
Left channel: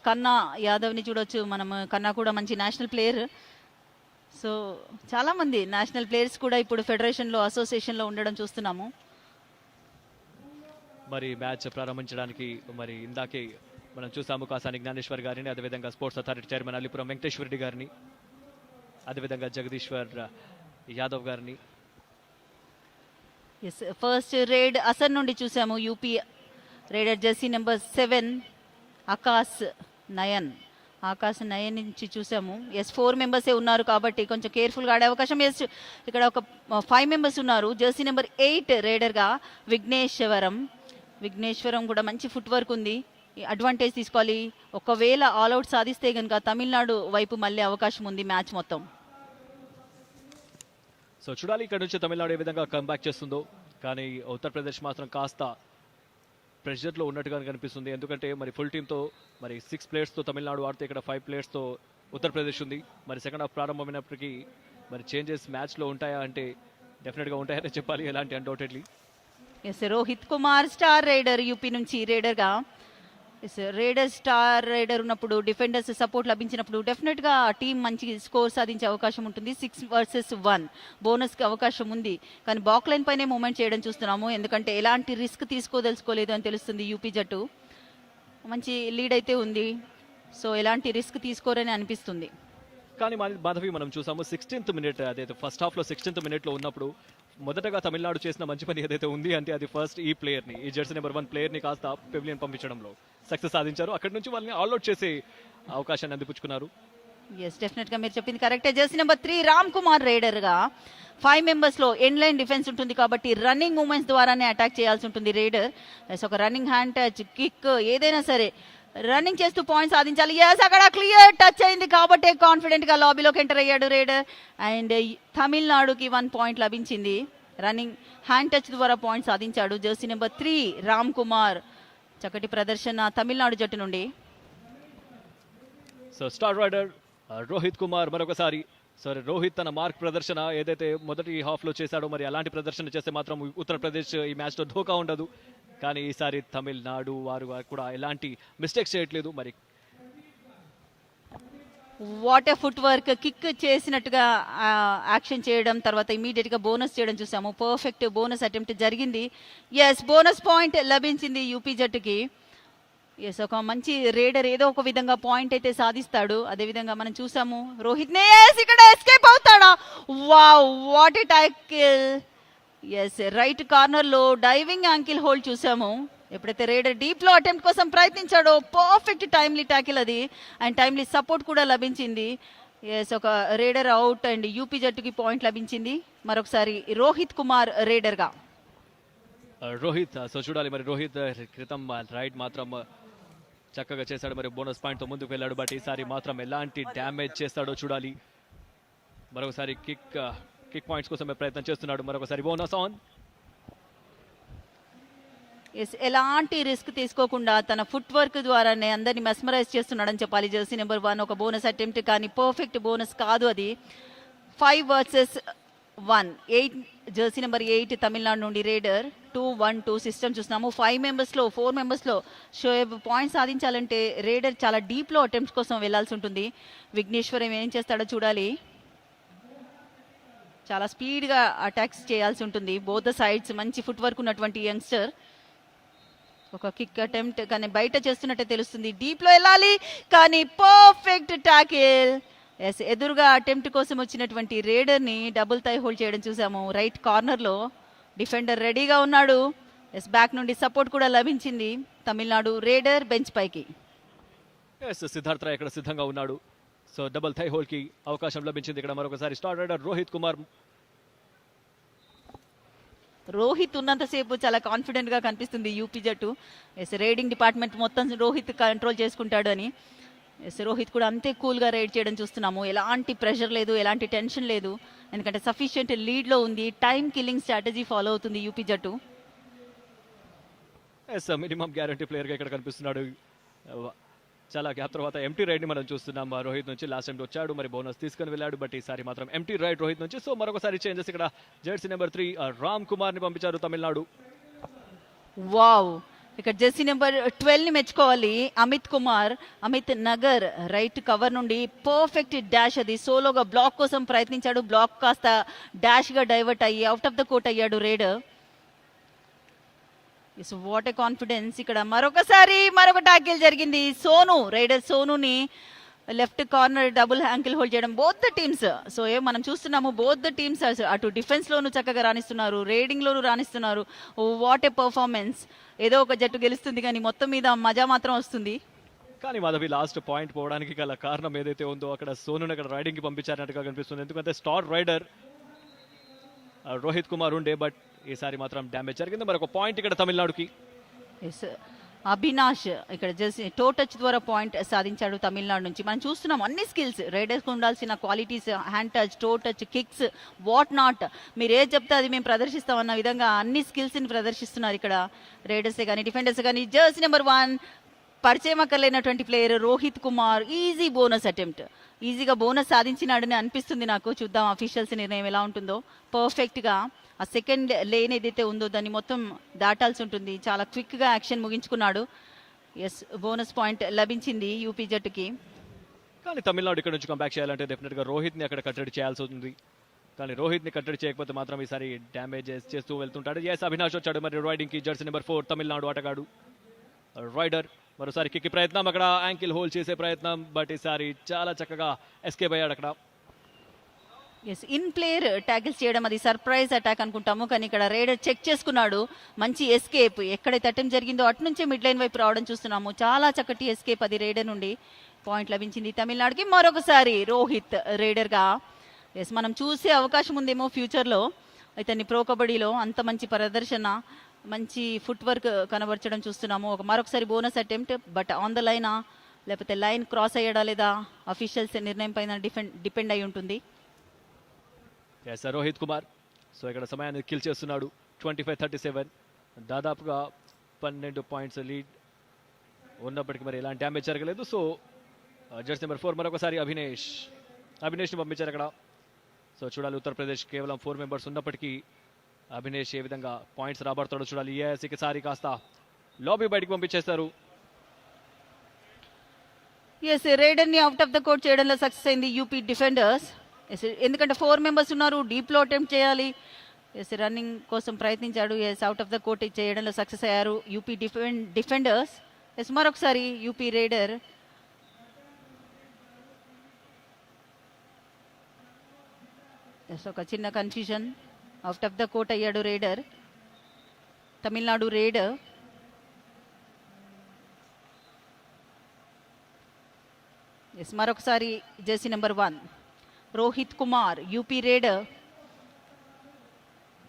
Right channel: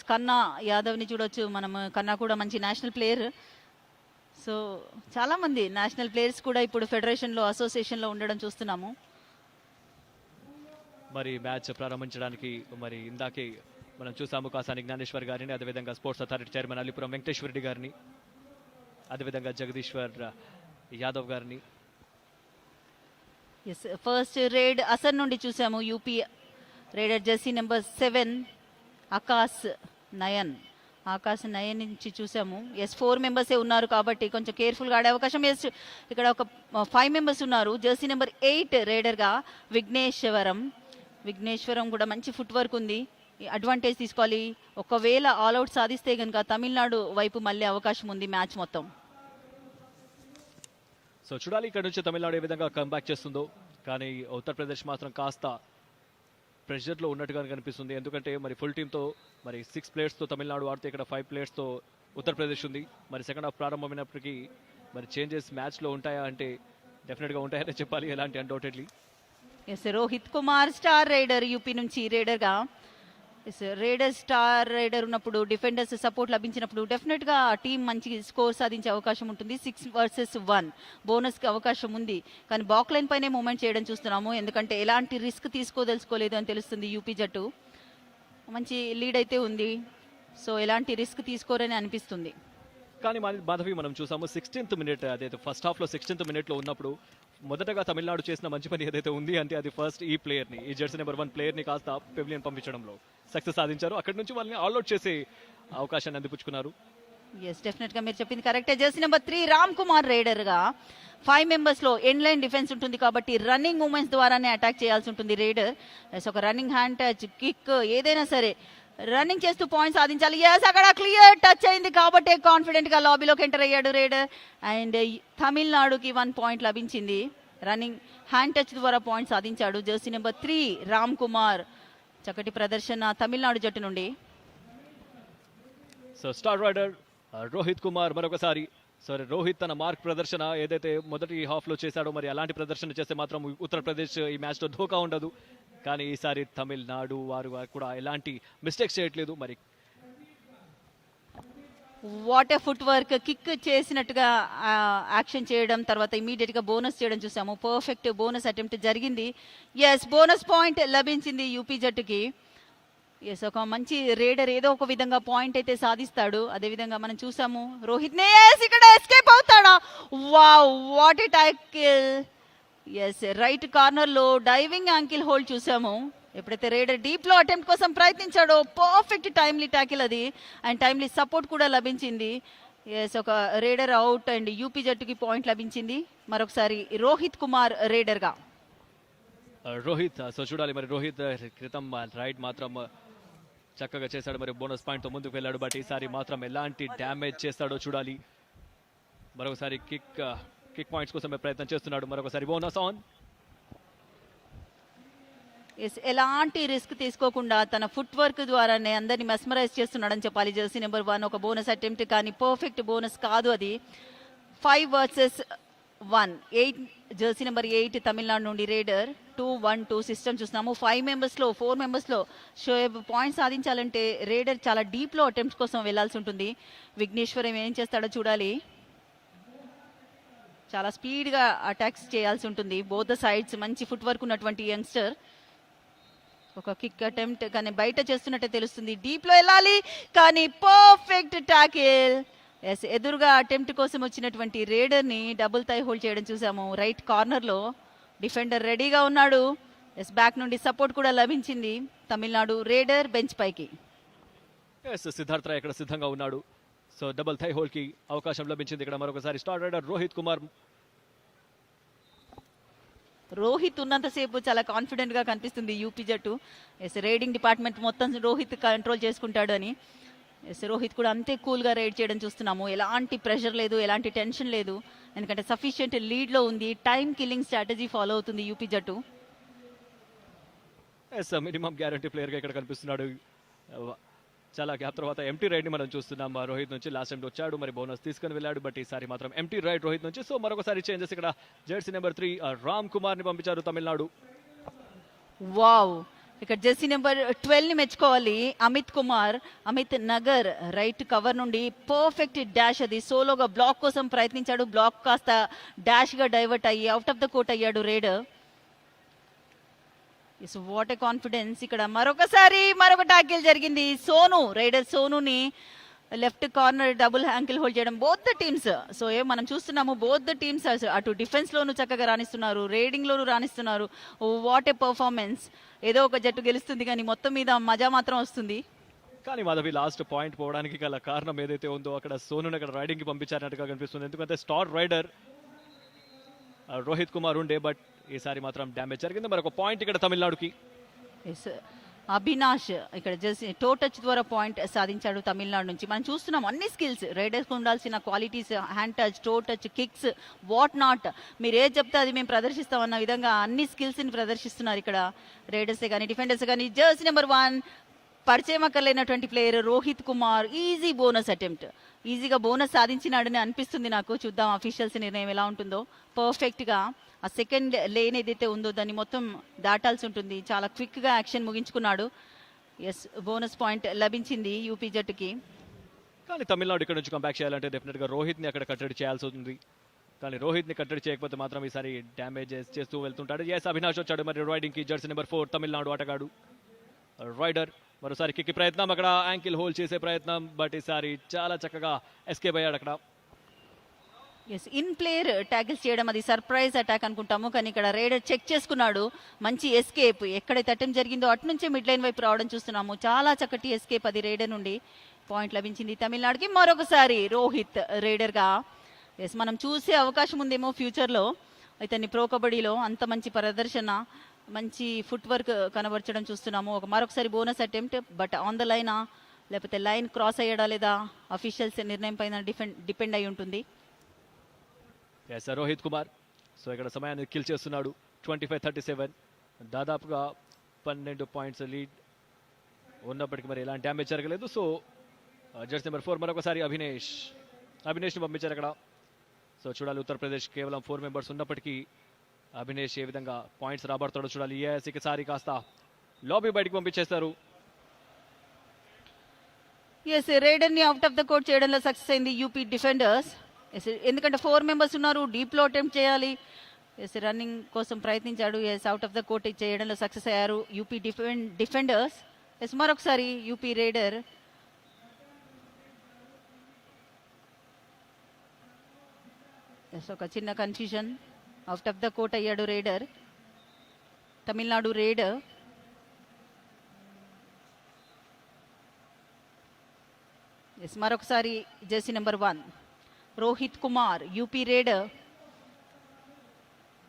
కన్నా యాదవ్ ని చూడొచ్చు మనం. కన్నా కూడా మంచి నేషనల్ ప్లేయర్. సో చాలా మంది నేషనల్ ప్లేయర్స్ కూడా ఇప్పుడు ఫెడరేషన్ లో, అసోసియేషన్ లో ఉండడం చూస్తున్నాము. మరి మ్యాచ్ ప్రారంభించడానికి మరి ఇందాకే మనం చూసాము కాసాని జ్ఞానేశ్వర్ గారిని, అదేవిధంగా sports authority chairman Alipuram Venkateswara Reddy గారిని, అదేవిధంగా జగదీశ్వర్ యాదవ్ గారిని. ఫస్ట్ రేడ్ అసర్ నుండి చూసాము. UP raider jersey number 7 Akash Nayan నుంచి చూసాము. 4 మెంబర్సే ఉన్నారు కాబట్టి కొంచెం కేర్ఫుల్ గా ఆడే అవకాశం. ఇక్కడ ఒక 5 మెంబర్స్ ఉన్నారు. జెర్సీ నెంబర్ 8 రేడర్ గా విఘ్నేశ్వరం కూడా మంచి ఫుట్ వర్క్ ఉంది. అడ్వాంటేజ్ తీసుకోవాలి. ఒకవేళ ఆల్అౌట్ సాధిస్తే కనుక తమిళనాడు వైపు మళ్ళీ అవకాశం ఉంది మ్యాచ్ మొత్తం. సో చూడాలి ఇక్కడ నుంచి తమిళనాడు ఏ విధంగా కమ్బ్యాక్ చేస్తుందో. కానీ ఉత్తరప్రదేశ్ మాత్రం కాస్త ప్రెషర్ లో ఉన్నట్టుగా కనిపిస్తుంది. ఎందుకంటే మరి ఫుల్ టీమ్ తో మరి 6 ప్లేయర్స్ తో తమిళనాడు ఆడితే ఇక్కడ 5 ప్లేయర్స్ తో ఉత్తరప్రదేశ్ ఉంది. మరి సెకండ్ హాఫ్ ప్రారంభమైనప్పటికీ మరి చేంజెస్ మ్యాచ్ లో ఉంటాయా అంటే డెఫినెట్ గా ఉంటాయని చెప్పాలి. ఎలాంటి undoubtedly. Rohit Kumar star rider UP నుంచి రేడర్ గా. రేడర్ స్టార్ రైడర్ ఉన్నప్పుడు డిఫెండర్స్ సపోర్ట్ లభించినప్పుడు డెఫినెట్ గా టీం మంచి స్కోర్ సాధించే అవకాశం ఉంటుంది. 6 versus 1 బోనస్ కి అవకాశం ఉంది. కానీ బాక్ లైన్ పైనే మూవ్మెంట్ చేయడం చూస్తున్నాము. ఎందుకంటే ఎలాంటి రిస్క్ తీసుకోదలుచుకోలేదు అని తెలుస్తుంది యూపీ జట్టు. మంచి లీడ్ అయితే ఉంది. సో ఎలాంటి రిస్క్ తీసుకోరని అనిపిస్తుంది. కానీ మాధవి మనం చూసాము 16th మినిట్, అదే ఫస్ట్ హాఫ్ లో 16th మినిట్ లో ఉన్నప్పుడు మొదటగా తమిళనాడు చేసిన మంచి పని ఏదైతే ఉంది అంటే అది ఫస్ట్ ఈ ప్లేయర్ ని, ఈ జెర్సీ నెంబర్ 1 ప్లేయర్ ని కాస్త పెవిలియన్ పంపించడంలో సక్సెస్ సాధించారు. అక్కడ నుంచి వాళ్ళని ఆల్అౌట్ చేసే అవకాశాన్ని అందిపుచ్చుకున్నారు. డెఫినెట్ గా మీరు చెప్పింది కరెక్టే. Jersey number 3 Ram Kumar raider గా 5 మెంబర్స్ లో ఎండ్ లైన్ డిఫెన్స్ ఉంటుంది కాబట్టి రన్నింగ్ మూవ్మెంట్స్ ద్వారానే అటాక్ చేయాల్సి ఉంటుంది రైడర్. ఒక రన్నింగ్ హ్యాండ్ టచ్, కిక్ ఏదైనా సరే రన్నింగ్ చేస్తూ పాయింట్ సాధించాలి. అక్కడ క్లియర్ టచ్ అయింది కాబట్టి కాన్ఫిడెంట్ గా లాబీలోకి ఎంటర్ అయ్యాడు రైడర్. అండ్ తమిళనాడుకి 1 పాయింట్ లభించింది. రన్నింగ్ హ్యాండ్ టచ్ ద్వారా పాయింట్ సాధించాడు జెర్సీ నెంబర్ 3 రామ్ కుమార్. చక్కటి ప్రదర్శన తమిళనాడు జట్టు నుండి. So star rider Rohit Kumar మరొకసారి సరే రోహిత్ తన మార్క్ ప్రదర్శన ఏదైతే మొదటి హాఫ్ లో చేశాడో మరి అలాంటి ప్రదర్శన చేస్తే మాత్రం ఉత్తరప్రదేశ్ ఈ మ్యాచ్ లో ధోకా ఉండదు. కానీ ఈసారి తమిళనాడు వారు కూడా ఎలాంటి మిస్టేక్స్ చేయట్లేదు. మరి వాటర్ ఫుట్ వర్క్ కిక్ చేసినట్టుగా యాక్షన్ చేయడం, తర్వాత ఇమీడియట్ గా బోనస్ చేయడం చూసాము. పర్ఫెక్ట్ బోనస్ అటెంప్ట్ జరిగింది. ఎస్, బోనస్ పాయింట్ లభించింది యూపీ జట్టుకి. ఎస్, ఒక మంచి రేడర్ ఏదో ఒక విధంగా పాయింట్ అయితే సాధిస్తాడు. అదే విధంగా మనం చూసాము రోహిత్ నే ఇక్కడ ఎస్కేప్ అవుతాడా. Wow, what a tackle. Yes, right corner లో డైవింగ్ యాంకిల్ హోల్డ్ చూసాము. ఎప్పుడైతే రేడర్ డీప్ లో అటెంప్ట్ కోసం ప్రయత్నించాడో పర్ఫెక్ట్ టైమ్లీ టాకిల్ అది, అండ్ టైమ్లీ సపోర్ట్ కూడా లభించింది. ఎస్, ఒక రేడర్ అవుట్ అండ్ యూపీ జట్టుకి పాయింట్ లభించింది. మరొకసారి రోహిత్ కుమార్ రేడర్ గా. రోహిత్ సో చూడాలి మరి రోహిత్ క్రితం రైట్ మాత్రం చక్కగా చేశాడు. మరి బోనస్ పాయింట్ తో ముందుకు వెళ్ళాడు. బట్ ఈసారి మాత్రం ఎలాంటి డ్యామేజ్ చేస్తాడో చూడాలి. మరొకసారి కిక్ పాయింట్స్ కోసం ప్రయత్నం చేస్తున్నాడు. మరొకసారి బోనస్ ఆన్. ఎలాంటి రిస్క్ తీసుకోకుండా తన ఫుట్ వర్క్ ద్వారానే అందరిని మెస్మరైజ్ చేస్తున్నాడని చెప్పాలి. జెర్సీ నెంబర్ 1 ఒక బోనస్ అటెంప్ట్, కానీ పర్ఫెక్ట్ బోనస్ కాదు అది. 5 వర్సెస్ 1, 8 జెర్సీ నెంబర్ 8 తమిళనాడు నుండి రేడర్. 2-1-2 సిస్టమ్ చూస్తున్నాము. 4 మెంబర్స్ లో షోయబ్ పాయింట్ సాధించాలంటే రేడర్ చాలా డీప్ లో అటెంప్ట్స్ కోసం వెళ్లాల్సి ఉంటుంది. విఘ్నేశ్వర్ ఏం చేస్తాడో చూడాలి. చాలా స్పీడ్ గా అటాక్స్ చేయాల్సి ఉంటుంది. బోత్ సైడ్స్ మంచి ఫుట్ వర్క్ ఉన్నటువంటి యంగ్స్టర్. ఒక కిక్ అటెంప్ట్ కానీ బయట చేస్తున్నట్టే తెలుస్తుంది. డీప్ లో వెళ్ళాలి కానీ పర్ఫెక్ట్ టాకిల్. ఎస్, ఎదురుగా అటెంప్ట్ కోసం వచ్చినటువంటి రేడర్ ని డబుల్ థై హోల్డ్ చేయడం చూసాము. రైట్ కార్నర్ లో డిఫెండర్ రెడీగా ఉన్నాడు. ఎస్, బ్యాక్ నుండి సపోర్ట్ కూడా లభించింది. తమిళనాడు రేడర్ బెంచ్ పైకి. సిద్ధార్థ ఇక్కడ సిద్ధంగా ఉన్నాడు. సో డబుల్ థై హోల్డ్ కి అవకాశం లభించింది. ఇక్కడ మరొకసారి స్టార్ రైడర్ రోహిత్ కుమార్. రోహిత్ ఉన్నంతసేపు చాలా కాన్ఫిడెంట్ గా కనిపిస్తుంది యూపీ జట్టు. ఎస్, రైడింగ్ డిపార్ట్మెంట్ మొత్తం రోహిత్ కంట్రోల్ చేసుకుంటాడు అని. ఎస్, రోహిత్ కూడా అంతే కూల్ గా రైడ్ చేయడం చూస్తున్నాము. ఎలాంటి ప్రెషర్ లేదు, ఎలాంటి టెన్షన్ లేదు. ఎందుకంటే సఫిషియెంట్ లీడ్ లో ఉంది. టైం కిల్లింగ్ స్ట్రాటజీ ఫాలో అవుతుంది యూపీ జట్టు. మినిమం గ్యారెంటీ ప్లేయర్ గా ఇక్కడ కనిపిస్తున్నాడు. చాలా గ్యాప్ తర్వాత ఎంటీ రైడ్ మనం చూస్తున్నాం. రోహిత్ నుంచి లాస్ట్ ఎండ్ వచ్చాడు, మరి బోనస్ తీసుకొని వెళ్ళాడు. బట్ ఈసారి మాత్రం ఎంటీ రైడ్ రోహిత్ నుంచి. సో మరొకసారి చేంజెస్ ఇక్కడ జెర్సీ నెంబర్ 3 రామ్ కుమార్ ని పంపించారు తమిళనాడు. వావ్, ఇక్కడ జెర్సీ నెంబర్ 12 ని మెచ్చుకోవాలి. అమిత్ నగర్ రైట్ కవర్ నుండి పర్ఫెక్ట్ డాష్, అది సోలోగా బ్లాక్ కోసం ప్రయత్నించాడు. బ్లాక్ కాస్త డాష్ గా డైవర్ట్ అయ్యి అవుట్ ఆఫ్ ద కోర్ట్ అయ్యాడు రేడర్. What a confidence. ఇక్కడ మరొక టాకిల్ జరిగింది. రైడర్ సోనుని left corner double ankle hold చేయడం. బోత్ టీమ్స్ సో మనం చూస్తున్నాము, బోత్ టీమ్స్ అటు డిఫెన్స్ లోను చక్కగా రాణిస్తున్నారు, రేడింగ్ లోను రాణిస్తున్నారు. What a performance. ఏదో ఒక జట్టు గెలుస్తుంది కానీ మొత్తం మీద మజా మాత్రం వస్తుంది. కానీ మాధవి లాస్ట్ పాయింట్ పోవడానికి గల కారణం ఏదైతే ఉందో అక్కడ సోను అక్కడ రైడింగ్ కి పంపించారన్నట్టుగా కనిపిస్తుంది. ఎందుకంటే స్టార్ రైడర్ రోహిత్ కుమార్ ఉండే, బట్ ఈసారి మాత్రం డ్యామేజ్ జరిగింది. మరి ఒక పాయింట్ ఇక్కడ తమిళనాడుకి. అభినాష్ ఇక్కడ జస్ట్ టో టచ్ ద్వారా పాయింట్ సాధించాడు తమిళనాడు నుంచి. మనం చూస్తున్నాం అన్ని స్కిల్స్ రైడర్స్ ఉండాల్సిన qualities, hand touch, toe touch, kicks, what not, మీరు ఏ చెప్తే అది మేము ప్రదర్శిస్తాం అన్న విధంగా అన్ని స్కిల్స్ ని ప్రదర్శిస్తున్నారు ఇక్కడ రైడర్సే కానీ డిఫెండర్స్ కానీ. జర్సీ నెంబర్ 1 పరిచయం అక్కర్లేనటువంటి player Rohit Kumar. Easy bonus attempt, ఈజీగా బోనస్ సాధించినాడని అనిపిస్తుంది నాకు. చూద్దాం అఫీషియల్స్ నిర్ణయం ఎలా ఉంటుందో. పర్ఫెక్ట్ గా ఆ సెకండ్ లేన్ ఏదైతే ఉందో దాన్ని మొత్తం దాటాల్సి ఉంటుంది. చాలా క్విక్ గా యాక్షన్ ముగించుకున్నాడు. ఎస్, బోనస్ పాయింట్ లభించింది యూపీ జట్టుకి. కానీ తమిళనాడు ఇక్కడ నుంచి కంబ్యాక్ చేయాలంటే డెఫినెట్ గా రోహిత్ ని అక్కడ కట్టడి చేయాల్సి ఉంది. కానీ రోహిత్ ని కట్టడి చేయకపోతే మాత్రం ఈసారి డ్యామేజ్ చేస్తూ వెళ్తుంటాడు. ఎస్, అవినాష్ వచ్చాడు మరి రైడింగ్ కి. జెర్సీ నెంబర్ 4 తమిళనాడు ఆటగాడు రైడర్. మరోసారి కిక్ ప్రయత్నం, అక్కడ యాంకిల్ హోల్డ్ చేసే ప్రయత్నం, బట్ ఈసారి చాలా చక్కగా ఎస్కేప్ అయ్యాడు అక్కడ. ఇన్ ప్లేయర్ ట్యాకిల్ చేయడం అది సర్ప్రైజ్ అటాక్ అనుకుంటాము, కానీ ఇక్కడ రైడర్ చెక్ చేసుకున్నాడు. మంచి ఎస్కేప్, ఎక్కడైతే అటెంప్ట్ జరిగిందో అటు నుంచి మిడ్ లైన్ వైపు రావడం చూస్తున్నాము. చాలా చక్కటి ఎస్కేప్ అది రైడర్ నుండి. పాయింట్ లభించింది తమిళనాడుకి. మరొకసారి రోహిత్ రైడర్ గా. ఎస్, మనం చూసే అవకాశం ఉందేమో ఫ్యూచర్ లో. అయితే ప్రో కబడ్డీలో అంత మంచి ప్రదర్శన, మంచి ఫుట్ వర్క్ కనబరచడం చూస్తున్నాము. మరొకసారి bonus attempt, but on the లైనా లేకపోతే లైన్ క్రాస్ అయ్యడా లేదా అఫీషియల్స్ నిర్ణయం పైన డిపెండ్ అయి ఉంటుంది. రోహిత్ కుమార్ సో ఇక్కడ సమయాన్ని కిల్ చేస్తున్నాడు. 25-37 దాదాపుగా 12 పాయింట్స్ లీడ్ ఉన్నప్పటికీ మరి ఎలాంటి డ్యామేజ్ జరగలేదు. సో జెర్సీ నెంబర్ 4 మరొకసారి అభినేష్ పంపించారు. ఇక్కడ సో చూడాలి ఉత్తరప్రదేశ్ కేవలం 4 మెంబర్స్ ఉన్నప్పటికీ అభినేష్ ఏ విధంగా పాయింట్స్ రాబడతాడో చూడాలి. ఎస్ ఈసారి కాస్త లాబీ బయటకు పంపించేస్తారు. ఎస్ రైడర్ ని అవుట్ ఆఫ్ ద కోర్ట్ చేయడంలో సక్సెస్ అయింది యూపీ డిఫెండర్స్. ఎందుకంటే 4 మెంబర్స్ ఉన్నారు, డీప్ లో అటెంప్ట్ చేయాలి. ఎస్ రన్నింగ్ కోసం ప్రయత్నించాడు. Yes out of the court చేయడంలో సక్సెస్ అయ్యారు యూపీ డిఫెండర్స్. ఎస్ మరొకసారి యూపీ రైడర్ ఒక చిన్న confusion, out of the court అయ్యాడు రైడర్, తమిళనాడు రైడర్. ఎస్ మరొకసారి jersey number 1 Rohit Kumar UP raider.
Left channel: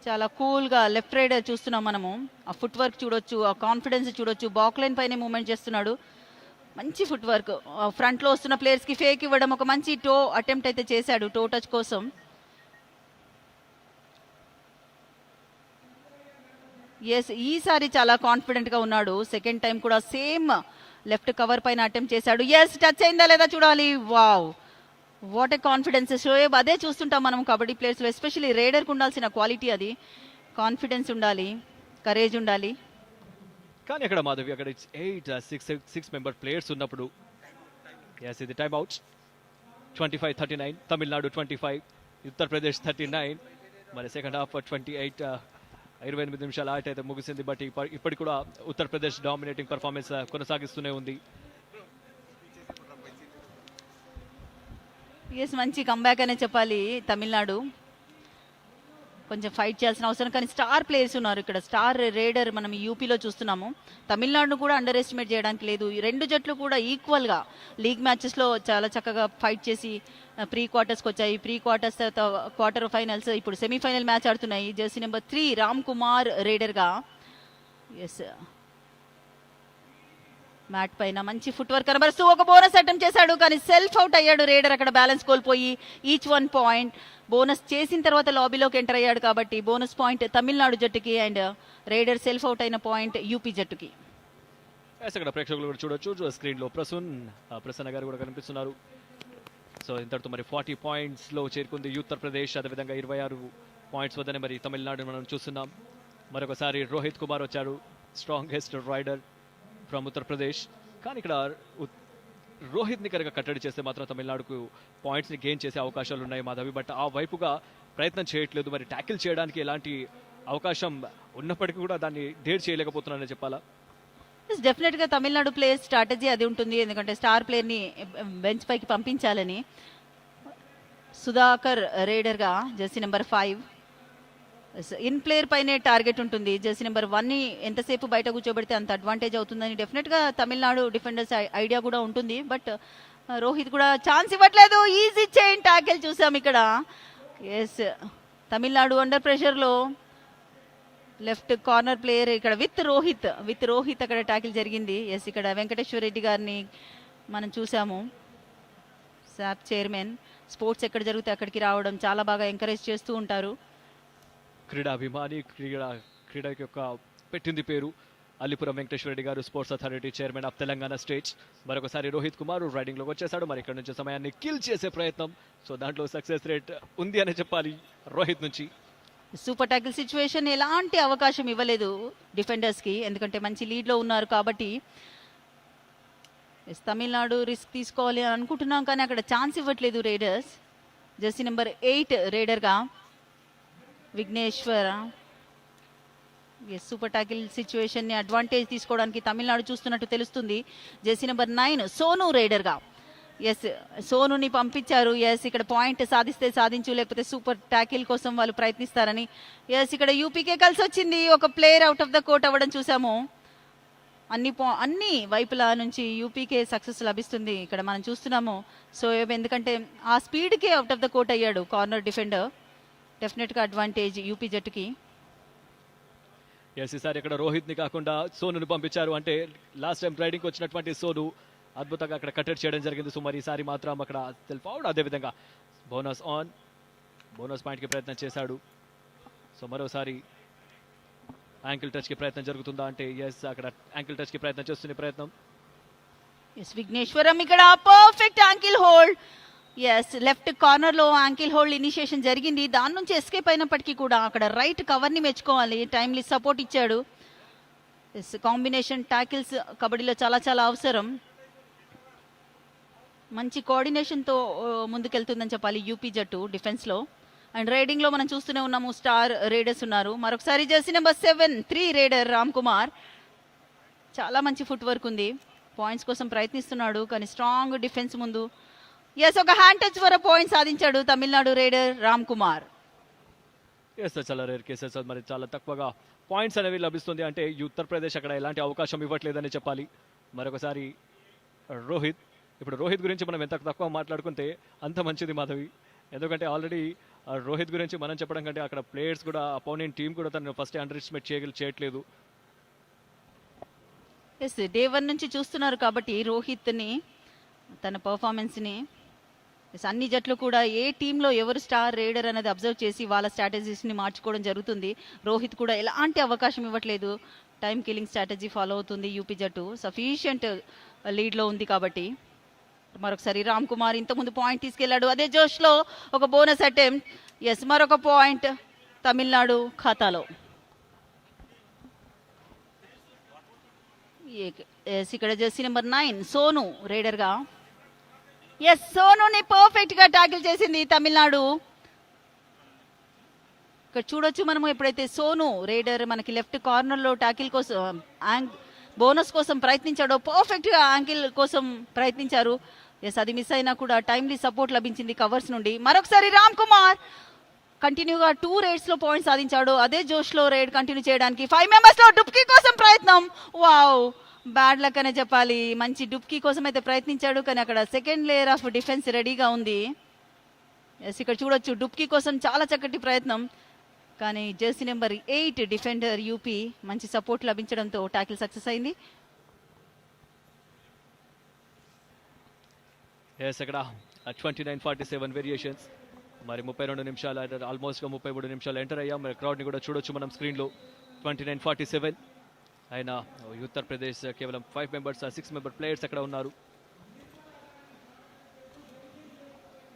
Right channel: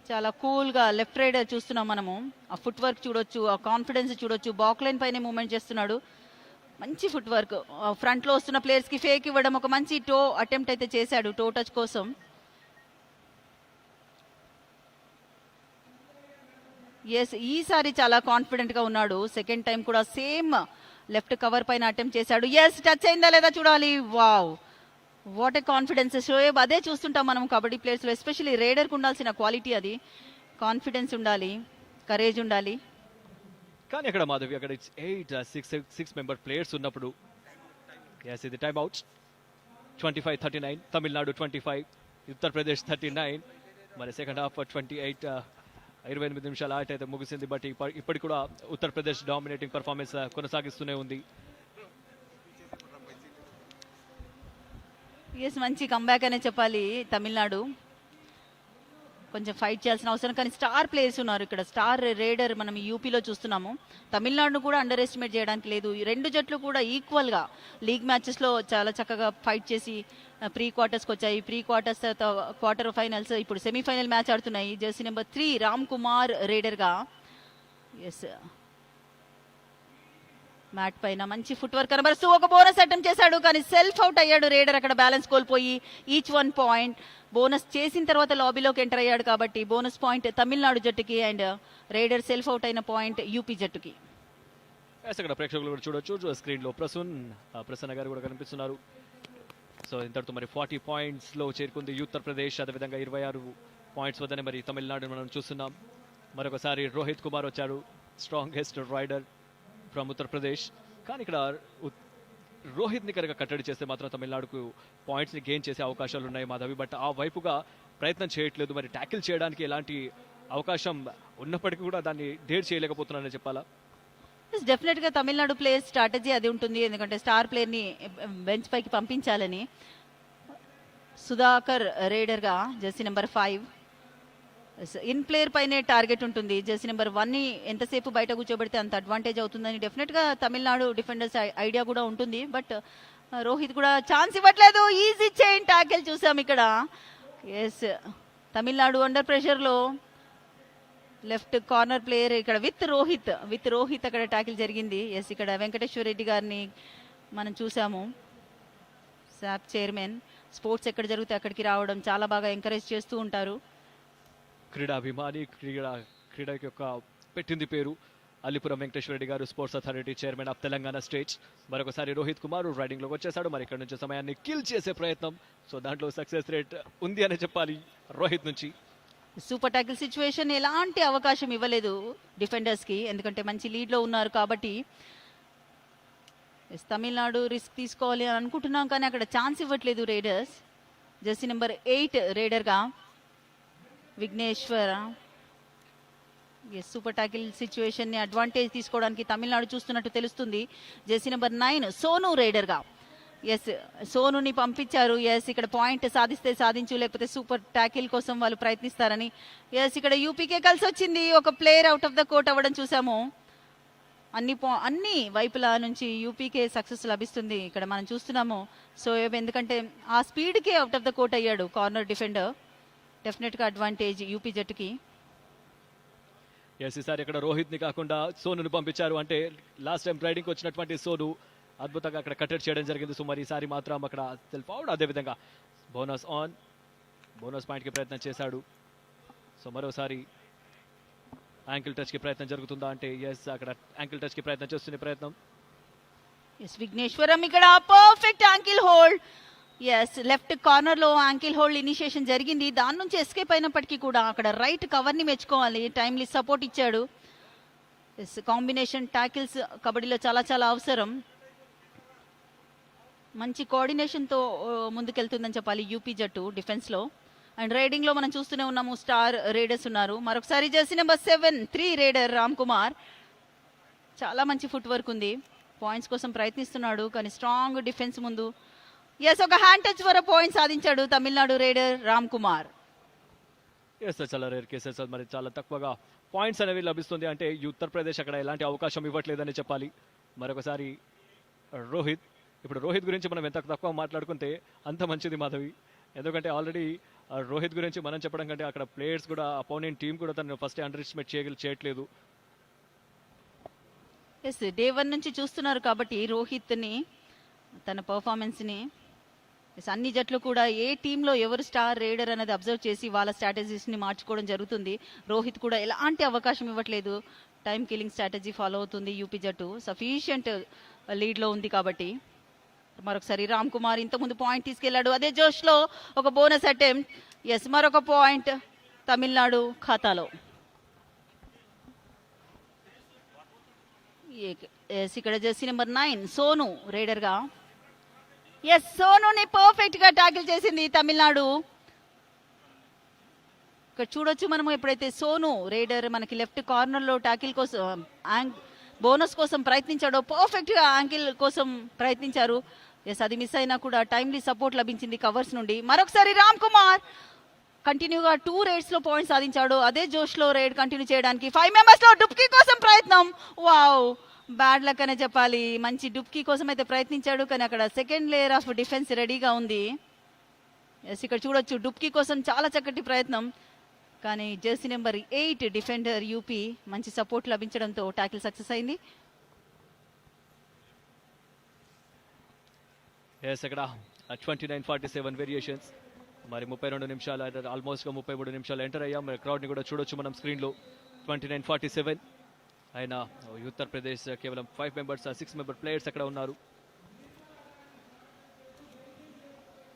చాలా కూల్ గా లెఫ్ట్ రైడర్ చూస్తున్నాం మనము. ఆ ఫుట్ వర్క్ చూడొచ్చు, ఆ కాన్ఫిడెన్స్ చూడొచ్చు. బాక్ లైన్ పైన మూవ్మెంట్ చేస్తున్నాడు, మంచి ఫుట్ వర్క్. ఫ్రంట్ లో వస్తున్న ప్లేయర్స్ కి ఫేక్ ఇవ్వడం, ఒక మంచి టో అటెంప్ట్ అయితే చేశాడు టో టచ్ కోసం. ఎస్ ఈసారి చాలా కాన్ఫిడెంట్ గా ఉన్నాడు. సెకండ్ టైం కూడా సేమ్ లెఫ్ట్ కవర్ పైన అటెంప్ట్ చేశాడు. ఎస్ టచ్ అయిందా లేదా చూడాలి. Wow what a confidence Shoaib. అదే చూస్తుంటాం మనం కబడ్డీ ప్లేయర్స్ లో, ఎస్పెషల్లీ రైడర్ కు ఉండాల్సిన క్వాలిటీ అది. కాన్ఫిడెన్స్ ఉండాలి, కరేజ్ ఉండాలి. కానీ ఇక్కడ మాధవి అక్కడ 6 మెంబర్ ప్లేయర్స్ ఉన్నప్పుడు ఎస్ ఇది టైం అవుట్స్. 25-39 తమిళనాడు 25 ఉత్తరప్రదేశ్ 39. మరి సెకండ్ హాఫ్ 28 నిమిషాలు ఆట అయితే ముగిసింది. బట్ ఇప్పటికి కూడా ఉత్తరప్రదేశ్ డామినేటింగ్ పర్ఫార్మెన్స్ కొనసాగిస్తూనే ఉంది. ఎస్ మంచి కంబ్యాక్ అనే చెప్పాలి. తమిళనాడు కొంచెం ఫైట్ చేయాల్సిన అవసరం, కానీ స్టార్ ప్లేయర్స్ ఉన్నారు ఇక్కడ. స్టార్ రైడర్ మనం యూపీలో చూస్తున్నాము. తమిళనాడు కూడా అండర్ ఎస్టిమేట్ చేయడానికి లేదు. ఈ రెండు జట్లు కూడా ఈక్వల్ గా లీగ్ మ్యాచెస్ లో చాలా చక్కగా ఫైట్ చేసి ప్రీ క్వార్టర్స్ వచ్చాయి. ప్రీ క్వార్టర్స్ క్వార్టర్ ఫైనల్స్, ఇప్పుడు సెమీఫైనల్ మ్యాచ్ ఆడుతున్నాయి. Jersey number 3 Ram Kumar raider గా. ఎస్ మ్యాట్ పైన మంచి ఫుట్ వర్క్ కనబరుస్తూ ఒక బోనస్ అటెంప్ట్ చేశాడు, కానీ సెల్ఫ్ అవుట్ అయ్యాడు రైడర్. అక్కడ బ్యాలెన్స్ కోల్పోయి ఈచ్ 1 పాయింట్. బోనస్ చేసిన తర్వాత లాబీలోకి ఎంటర్ అయ్యాడు కాబట్టి బోనస్ పాయింట్ తమిళనాడు జట్టుకి, అండ్ రైడర్ సెల్ఫ్ అవుట్ అయిన పాయింట్ యూపీ జట్టుకి. ప్రేక్షకులు చూడొచ్చు స్క్రీన్ లో ప్రసన్న గారు కూడా కనిపిస్తున్నారు. సో ఇంతటితో మరి 40 పాయింట్స్ లో చేరుకుంది ఉత్తరప్రదేశ్. అదేవిధంగా 26 పాయింట్స్ వద్దనే మరి తమిళనాడు మనం చూస్తున్నాం. మరొకసారి రోహిత్ కుమార్ వచ్చారు, స్ట్రాంగెస్ట్ రైడర్ ఫ్రమ్ ఉత్తరప్రదేశ్. కానీ ఇక్కడ రోహిత్ ని కనుక కట్టడి చేస్తే మాత్రం తమిళనాడుకు పాయింట్స్ ని గెయిన్ చేసే అవకాశాలు ఉన్నాయి మాధవి. బట్ ఆ వైపుగా ప్రయత్నం చేయట్లేదు. మరి ట్యాకిల్ చేయడానికి ఎలాంటి అవకాశం ఉన్నప్పటికీ కూడా దాన్ని డేర్ చేయలేకపోతున్నారని చెప్పాలా. డెఫినెట్ గా తమిళనాడు ప్లేయర్ స్ట్రాటజీ అది ఉంటుంది, ఎందుకంటే స్టార్ ప్లేయర్ ని బెంచ్ పైకి పంపించాలని. సుధాకర్ రైడర్ గా జెర్సీ నెంబర్ 5 ఇన్ ప్లేయర్ పైనే టార్గెట్ ఉంటుంది. జెర్సీ నెంబర్ 1 ని ఎంతసేపు బయట కూర్చోబెడితే అంత అడ్వాంటేజ్ అవుతుందని డెఫినెట్ గా తమిళనాడు డిఫెండర్స్ ఐడియా కూడా ఉంటుంది. బట్ రోహిత్ కూడా ఛాన్స్ ఇవ్వట్లేదు. ఈజీ చైన్ టాకిల్ చూసాం ఇక్కడ. ఎస్ తమిళనాడు అండర్ ప్రెషర్ లో లెఫ్ట్ కార్నర్ ప్లేయర్ ఇక్కడ విత్ రోహిత్ అక్కడ టాకిల్ జరిగింది. ఎస్ ఇక్కడ వెంకటేశ్వర రెడ్డి గారిని మనం చూసాము. సాప్ చైర్మన్, స్పోర్ట్స్ ఎక్కడ జరిగితే అక్కడికి రావడం చాలా బాగా ఎంకరేజ్ చేస్తూ ఉంటారు. క్రీడాభిమాని, క్రీడా యొక్క పెట్టింది పేరు అల్లిపురం వెంకటేశ్వర రెడ్డి గారు, sports authority chairman of Telangana state. మరొకసారి రోహిత్ కుమార్ రైడింగ్ లో వచ్చేసాడు. మరి ఇక్కడ నుంచి సమయాన్ని కిల్ చేసే ప్రయత్నం. సో దాంట్లో సక్సెస్ రేట్ ఉంది అని చెప్పాలి రోహిత్ నుంచి. సూపర్ టాకిల్ సిచ్యువేషన్, ఎలాంటి అవకాశం ఇవ్వలేదు డిఫెండర్స్ కి, ఎందుకంటే మంచి లీడ్ లో ఉన్నారు కాబట్టి. తమిళనాడు రిస్క్ తీసుకోవాలి అనుకుంటున్నాం, కానీ అక్కడ ఛాన్స్ ఇవ్వట్లేదు రైడర్స్. జెర్సీ నెంబర్ 8 రైడర్ గా విఘ్నేశ్వర. సూపర్ టాకిల్ సిచ్యువేషన్ ని అడ్వాంటేజ్ తీసుకోవడానికి తమిళనాడు చూస్తున్నట్టు తెలుస్తుంది. జెర్సీ నెంబర్ 9 సోను రైడర్ గా. ఎస్ సోనుని పంపించారు. ఎస్ ఇక్కడ పాయింట్ సాధిస్తే సాధించు, లేకపోతే సూపర్ టాకిల్ కోసం వాళ్ళు ప్రయత్నిస్తారని. ఎస్ ఇక్కడ యూపీకే కలిసి వచ్చింది. ఒక player out of the court అవ్వడం చూసాము. అన్ని వైపుల నుంచి యూపీకే సక్సెస్ లభిస్తుంది ఇక్కడ మనం చూస్తున్నాము. సో ఎందుకంటే ఆ స్పీడ్ కి అవుట్ ఆఫ్ ద కోర్ట్ అయ్యాడు కార్నర్ డిఫెండర్. డెఫినెట్ గా అడ్వాంటేజ్ యూపీ జట్టుకి. ఈసారి ఇక్కడ రోహిత్ ని కాకుండా సోను పంపించారు. అంటే లాస్ట్ టైం రైడింగ్ వచ్చినటువంటి సోను అద్భుతంగా అక్కడ కట్టడి చేయడం జరిగింది. సో మరి ఈసారి మాత్రం అక్కడ సెల్ఫ్ అవుట్, అదేవిధంగా బోనస్ పాయింట్ కి ప్రయత్నం చేశాడు. సో మరోసారి యాంకిల్ టచ్ కి ప్రయత్నం జరుగుతుందా అంటే ఎస్ అక్కడ యాంకిల్ టచ్ కి ప్రయత్నం చేస్తున్న ప్రయత్నం. విఘ్నేశ్వరం ఇక్కడ perfect ankle hold. Yes left corner లో యాంకిల్ హోల్డ్ ఇనిషియేషన్ జరిగింది, దాని నుంచి ఎస్కేప్ అయినప్పటికీ కూడా అక్కడ రైట్ కవర్ ని మెచ్చుకోవాలి, టైమ్లీ సపోర్ట్ ఇచ్చాడు. కాంబినేషన్ టాకిల్స్ కబడ్డీలో చాలా చాలా అవసరం. మంచి కోఆర్డినేషన్ తో ముందుకెళ్తుందని చెప్పాలి యూపీ జట్టు డిఫెన్స్ లో. అండ్ రైడింగ్ లో మనం చూస్తూనే ఉన్నాము, స్టార్ రైడర్స్ ఉన్నారు. మరొకసారి jersey number 7 raider Ram Kumar, చాలా మంచి ఫుట్ వర్క్ ఉంది, పాయింట్స్ కోసం ప్రయత్నిస్తున్నాడు కానీ స్ట్రాంగ్ డిఫెన్స్ ముందు. ఎస్ ఒక హ్యాండ్ టచ్ వరకు పాయింట్ సాధించాడు తమిళనాడు రైడర్ రామ్ కుమార్. చాలా రేర్ కేసెస్, మరి చాలా తక్కువగా పాయింట్స్ అనేవి లభిస్తుంది. అంటే ఈ ఉత్తరప్రదేశ్ అక్కడ ఎలాంటి అవకాశం ఇవ్వట్లేదని చెప్పాలి. మరొకసారి రోహిత్, ఇప్పుడు రోహిత్ గురించి మనం ఎంత తక్కువ మాట్లాడుకుంటే అంత మంచిది మాధవి. ఎందుకంటే ఆల్రెడీ రోహిత్ గురించి మనం చెప్పడం కంటే అక్కడ ప్లేయర్స్ కూడా, అపోనెంట్ టీం కూడా తను ఫస్ట్ అండర్ ఎస్టిమేట్ చేయట్లేదు. ఎస్ డే 1 నుంచి చూస్తున్నారు కాబట్టి రోహిత్ ని, తన పర్ఫార్మెన్స్ ని. అన్ని జట్లు కూడా ఏ టీంలో ఎవరు స్టార్ రైడర్ అనేది అబ్జర్వ్ చేసి వాళ్ళ స్ట్రాటజీస్ ని మార్చుకోవడం జరుగుతుంది. రోహిత్ కూడా ఎలాంటి అవకాశం ఇవ్వట్లేదు, టైం కిల్లింగ్ స్ట్రాటజీ ఫాలో అవుతుంది యూపీ జట్టు. సఫిషియంట్ లీడ్ లో ఉంది కాబట్టి. మరొకసారి రామ్ కుమార్ ఇంతకుముందు పాయింట్ తీసుకెళ్లాడు, అదే జోష్ లో ఒక బోనస్ అటెంప్ట్. ఎస్ మరొక పాయింట్ తమిళనాడు ఖాతాలో. ఇక్కడ జెర్సీ నెంబర్ 9 సోను రైడర్ గా. ఎస్ సోనుని పర్ఫెక్ట్ గా టాకిల్ చేసింది తమిళనాడు. ఇక్కడ చూడొచ్చు మనము, ఎప్పుడైతే సోను రైడర్ మనకి లెఫ్ట్ కార్నర్ లో టాకిల్ కోసం బోనస్ కోసం ప్రయత్నించాడో, పర్ఫెక్ట్ గా యాంగిల్ కోసం ప్రయత్నించారు. ఎస్ అది మిస్ అయినా కూడా టైమ్లీ సపోర్ట్ లభించింది కవర్స్ నుండి. మరొకసారి రామ్ కుమార్ కంటిన్యూగా 2 రైడ్స్ లో పాయింట్ సాధించాడు, అదే జోష్ లో రైడ్ కంటిన్యూ చేయడానికి 5 మెంబర్స్ లో డుప్కీ కోసం ప్రయత్నం. వావ్, బ్యాడ్ లక్ అనే చెప్పాలి. మంచి డుప్కీ కోసం అయితే ప్రయత్నించాడు కానీ అక్కడ సెకండ్ లేయర్ ఆఫ్ డిఫెన్స్ రెడీగా ఉంది. ఎస్ ఇక్కడ చూడొచ్చు డుప్కీ కోసం చాలా చక్కటి ప్రయత్నం, కానీ జెర్సీ నెంబర్ 8 డిఫెండర్ యూపీ మంచి సపోర్ట్ లభించడంతో టాకిల్ సక్సెస్ అయింది. ఇక్కడ 29-47 వేరియేషన్స్. మరి 32 నిమిషాలు, ఆల్మోస్ట్ 33 నిమిషాలు ఎంటర్ అయ్యాం. మరి క్రౌడ్ కూడా చూడొచ్చు మనం స్క్రీన్ లో. 29-47 అయినా ఉత్తరప్రదేశ్ కేవలం 5 మెంబర్స్, 6 మెంబర్ ప్లేయర్స్ అక్కడ ఉన్నారు.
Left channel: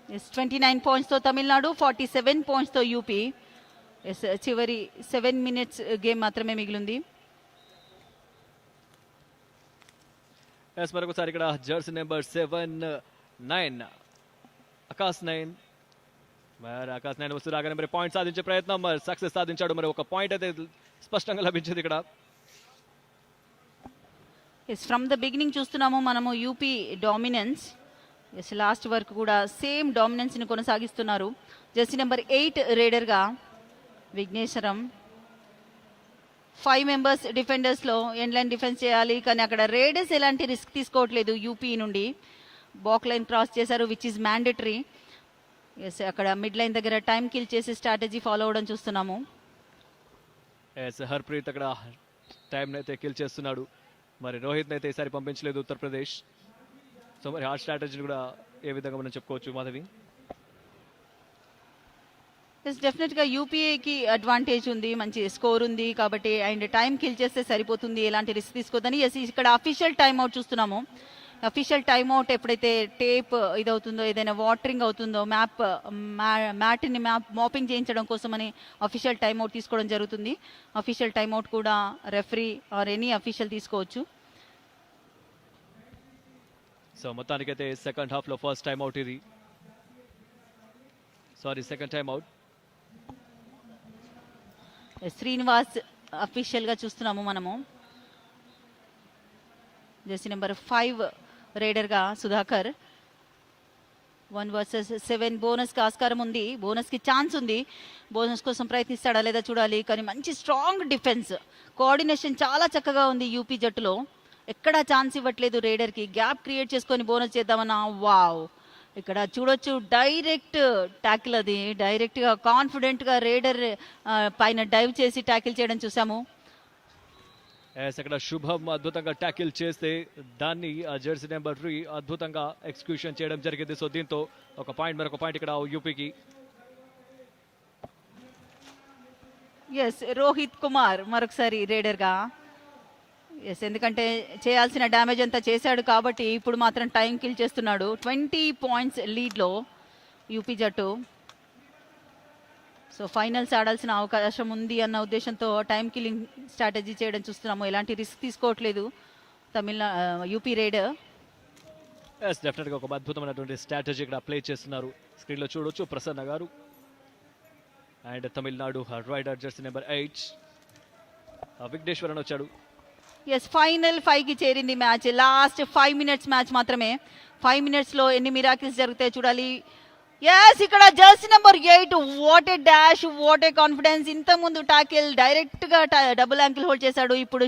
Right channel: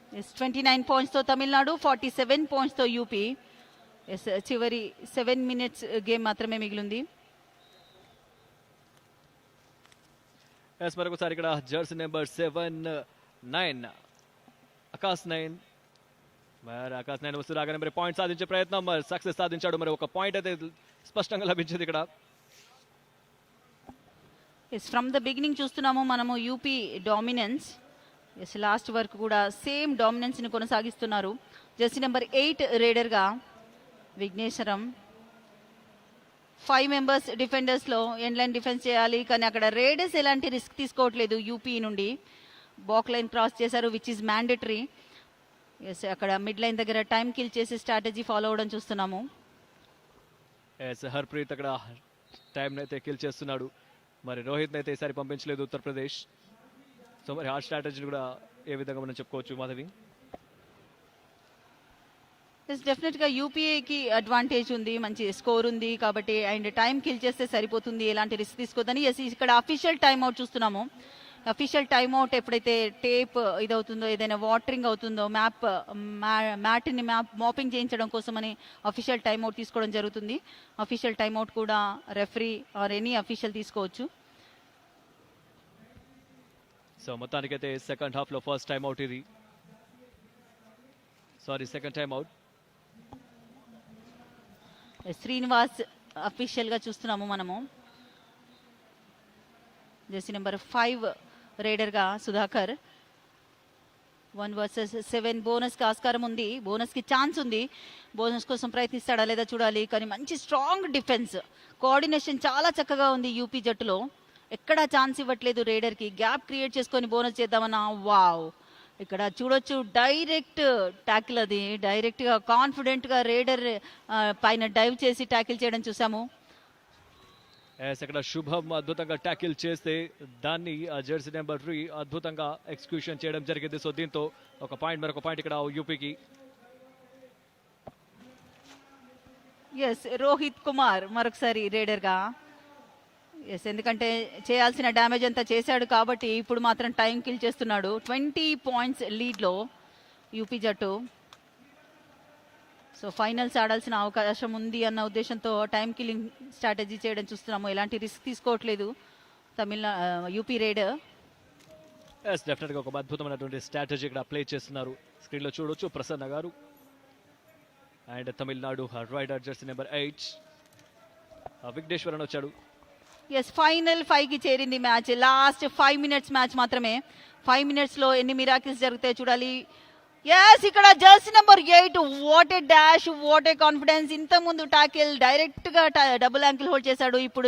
29 పాయింట్స్ తో తమిళనాడు, 47 పాయింట్స్ తో యూపీ. చివరి 7 మినిట్స్ గేమ్ మాత్రమే మిగిలింది. మరొకసారి ఇక్కడ జెర్సీ నెంబర్ 9 ఆకాశ్ 9. మరి ఆకాశ్ 9 వస్తున్నాగా మరి పాయింట్ సాధించే ప్రయత్నం, మరి సక్సెస్ సాధించాడు. మరి ఒక పాయింట్ అయితే స్పష్టంగా లభించింది ఇక్కడ. ఫ్రమ్ ద బిగినింగ్ చూస్తున్నాము మనము యూపీ డామినెన్స్. లాస్ట్ వరకు కూడా సేమ్ డామినెన్స్ ని కొనసాగిస్తున్నారు. జెర్సీ నెంబర్ 8 రైడర్ గా విఘ్నేశ్వరం. 5 మెంబర్స్ డిఫెండర్స్ లో ఎండ్ లైన్ డిఫెన్స్ చేయాలి కానీ అక్కడ రైడర్స్ ఎలాంటి రిస్క్ తీసుకోవట్లేదు యూపీ నుండి. బాక్ లైన్ క్రాస్ చేశారు విచ్ ఇస్ మ్యాండేటరీ. ఎస్ అక్కడ మిడ్ లైన్ దగ్గర టైం కిల్ చేసి స్ట్రాటజీ ఫాలో అవడం చూస్తున్నాము. హర్ప్రీత్ అక్కడ టైం అయితే కిల్ చేస్తున్నాడు. మరి రోహిత్ అయితే ఈసారి పంపించలేదు ఉత్తరప్రదేశ్. సో మరి ఆ స్ట్రాటజీ కూడా ఏ విధంగా మనం చెప్పుకోవచ్చు మాధవి? డెఫినెట్ గా యూపీఏకి అడ్వాంటేజ్ ఉంది, మంచి స్కోర్ ఉంది కాబట్టి అండ్ టైం కిల్ చేస్తే సరిపోతుంది, ఎలాంటి రిస్క్ తీసుకోదని. ఇక్కడ అఫీషియల్ టైం అవుట్ చూస్తున్నాము. అఫీషియల్ టైమ్ అవుట్ ఎప్పుడైతే టేప్ ఇదవుతుందో, ఏదైనా వాటరింగ్ అవుతుందో, మ్యాట్ని మాపింగ్ చేయించడం కోసం అని అఫీషియల్ టైమ్ అవుట్ తీసుకోవడం జరుగుతుంది. అఫీషియల్ టైమ్ అవుట్ కూడా రెఫరీ ఆర్ ఎనీ అఫీషియల్ తీసుకోవచ్చు. సో మొత్తానికి అయితే సెకండ్ హాఫ్ లో ఫస్ట్ టైం అవుట్ ఇది, sorry second time out. Srinivas official గా చూస్తున్నాము మనము. జెర్సీ నెంబర్ 5 రైడర్ గా సుధాకర్. 1 వర్సెస్ 7 బోనస్ కి ఆస్కారం ఉంది, బోనస్ కి ఛాన్స్ ఉంది. బోనస్ కోసం ప్రయత్నిస్తాడా లేదా చూడాలి. కానీ మంచి స్ట్రాంగ్ డిఫెన్స్, కోఆర్డినేషన్ చాలా చక్కగా ఉంది యూపీ జట్టులో. ఎక్కడా ఛాన్స్ ఇవ్వట్లేదు రైడర్ కి, గ్యాప్ క్రియేట్ చేసుకొని బోనస్ చేద్దామన్నా. వావ్, ఇక్కడ చూడొచ్చు డైరెక్ట్ ట్యాకిల్, అది డైరెక్ట్ గా కాన్ఫిడెంట్ గా రైడర్ పైన డైవ్ చేసి ట్యాకిల్ చేయడం చూసాము. ఇక్కడ శుభం అద్భుతంగా ట్యాకిల్ చేస్తే దాన్ని జెర్సీ నెంబర్ 3 అద్భుతంగా ఎక్స్క్యూషన్ చేయడం జరిగింది. సో దీంతో ఒక పాయింట్ మరొక పాయింట్ ఇక్కడ యూపీకి. ఎస్ రోహిత్ కుమార్ మరొకసారి రైడర్ గా. ఎస్, ఎందుకంటే చేయాల్సిన డ్యామేజ్ అంతా చేశాడు కాబట్టి ఇప్పుడు మాత్రం టైం కిల్ చేస్తున్నాడు. 20 పాయింట్స్ లీడ్లో యూపీ జట్టు. సో ఫైనల్స్ ఆడాల్సిన అవకాశం ఉంది అన్న ఉద్దేశంతో టైం కిల్లింగ్ స్ట్రాటజీ చేయడం చూస్తున్నాము. ఎలాంటి రిస్క్ తీసుకోవట్లేదు యూపీ రైడర్. డెఫినెట్గా ఒక అద్భుతమైనటువంటి స్ట్రాటజీ ఇక్కడ అప్లై చేస్తున్నారు. స్క్రీన్లో చూడొచ్చు ప్రసన్న గారు. And Tamil Nadu raider jersey number 8 Vigneshwaran వచ్చాడు. ఎస్, ఫైనల్ 5కి చేరింది మ్యాచ్. లాస్ట్ 5 మినిట్స్ మ్యాచ్ మాత్రమే. 5 మినిట్స్లో ఎన్ని మిరాకిల్స్ జరుగుతాయి చూడాలి. ఎస్, ఇక్కడ jersey number 8 what a dash, what a confidence. ఇంత ముందు టాకిల్ డైరెక్ట్ గా డబుల్ యాంకిల్ హోల్డ్ చేశాడు. ఇప్పుడు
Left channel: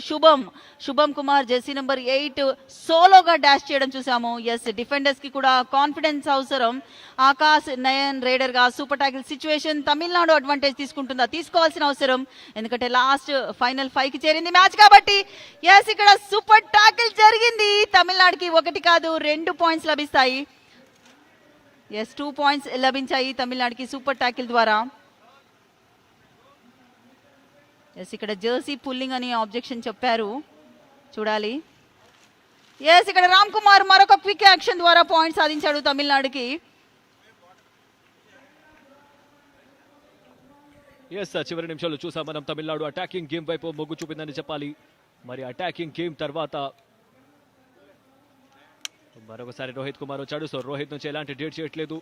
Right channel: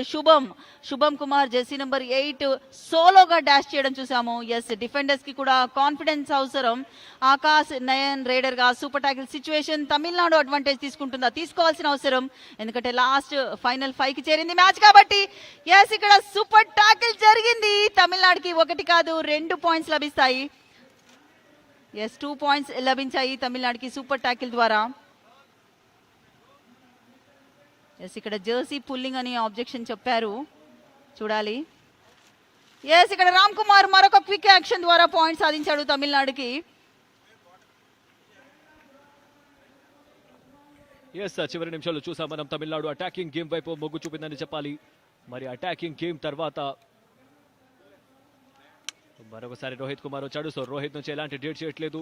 శుభం కుమార్ జెర్సీ నెంబర్ 8 సోలోగా డాష్ చేయడం చూసాము. ఎస్, డిఫెండర్స్ కి కూడా కాన్ఫిడెన్స్ అవసరం. ఆకాశ్ నయన్ రైడర్ గా super tackle situation. Tamil Nadu advantage తీసుకుంటుందా? తీసుకోవాల్సిన అవసరం, ఎందుకంటే లాస్ట్ ఫైనల్ 5కి చేరింది మ్యాచ్ కాబట్టి. ఎస్, ఇక్కడ సూపర్ టాకిల్ జరిగింది. తమిళనాడుకి 1 కాదు 2 పాయింట్స్ లభిస్తాయి. ఎస్, 2 పాయింట్స్ లభించాయి తమిళనాడుకి సూపర్ టాకిల్ ద్వారా. ఎస్, ఇక్కడ జెర్సీ పుల్లింగ్ అని ఆబ్జెక్షన్ చెప్పారు, చూడాలి. ఎస్, ఇక్కడ రామ్ కుమార్ మరొక క్విక్ యాక్షన్ ద్వారా పాయింట్ సాధించాడు తమిళనాడుకి. చివరి నిమిషాలు చూసాం మనం. తమిళనాడు అటాకింగ్ గేమ్ వైపు మొగ్గు చూపిందని చెప్పాలి. మరి అటాకింగ్ గేమ్ తర్వాత మరొకసారి రోహిత్ కుమార్ వచ్చాడు. సో రోహిత్ నుంచి ఎలాంటి డేట్ చేయట్లేదు,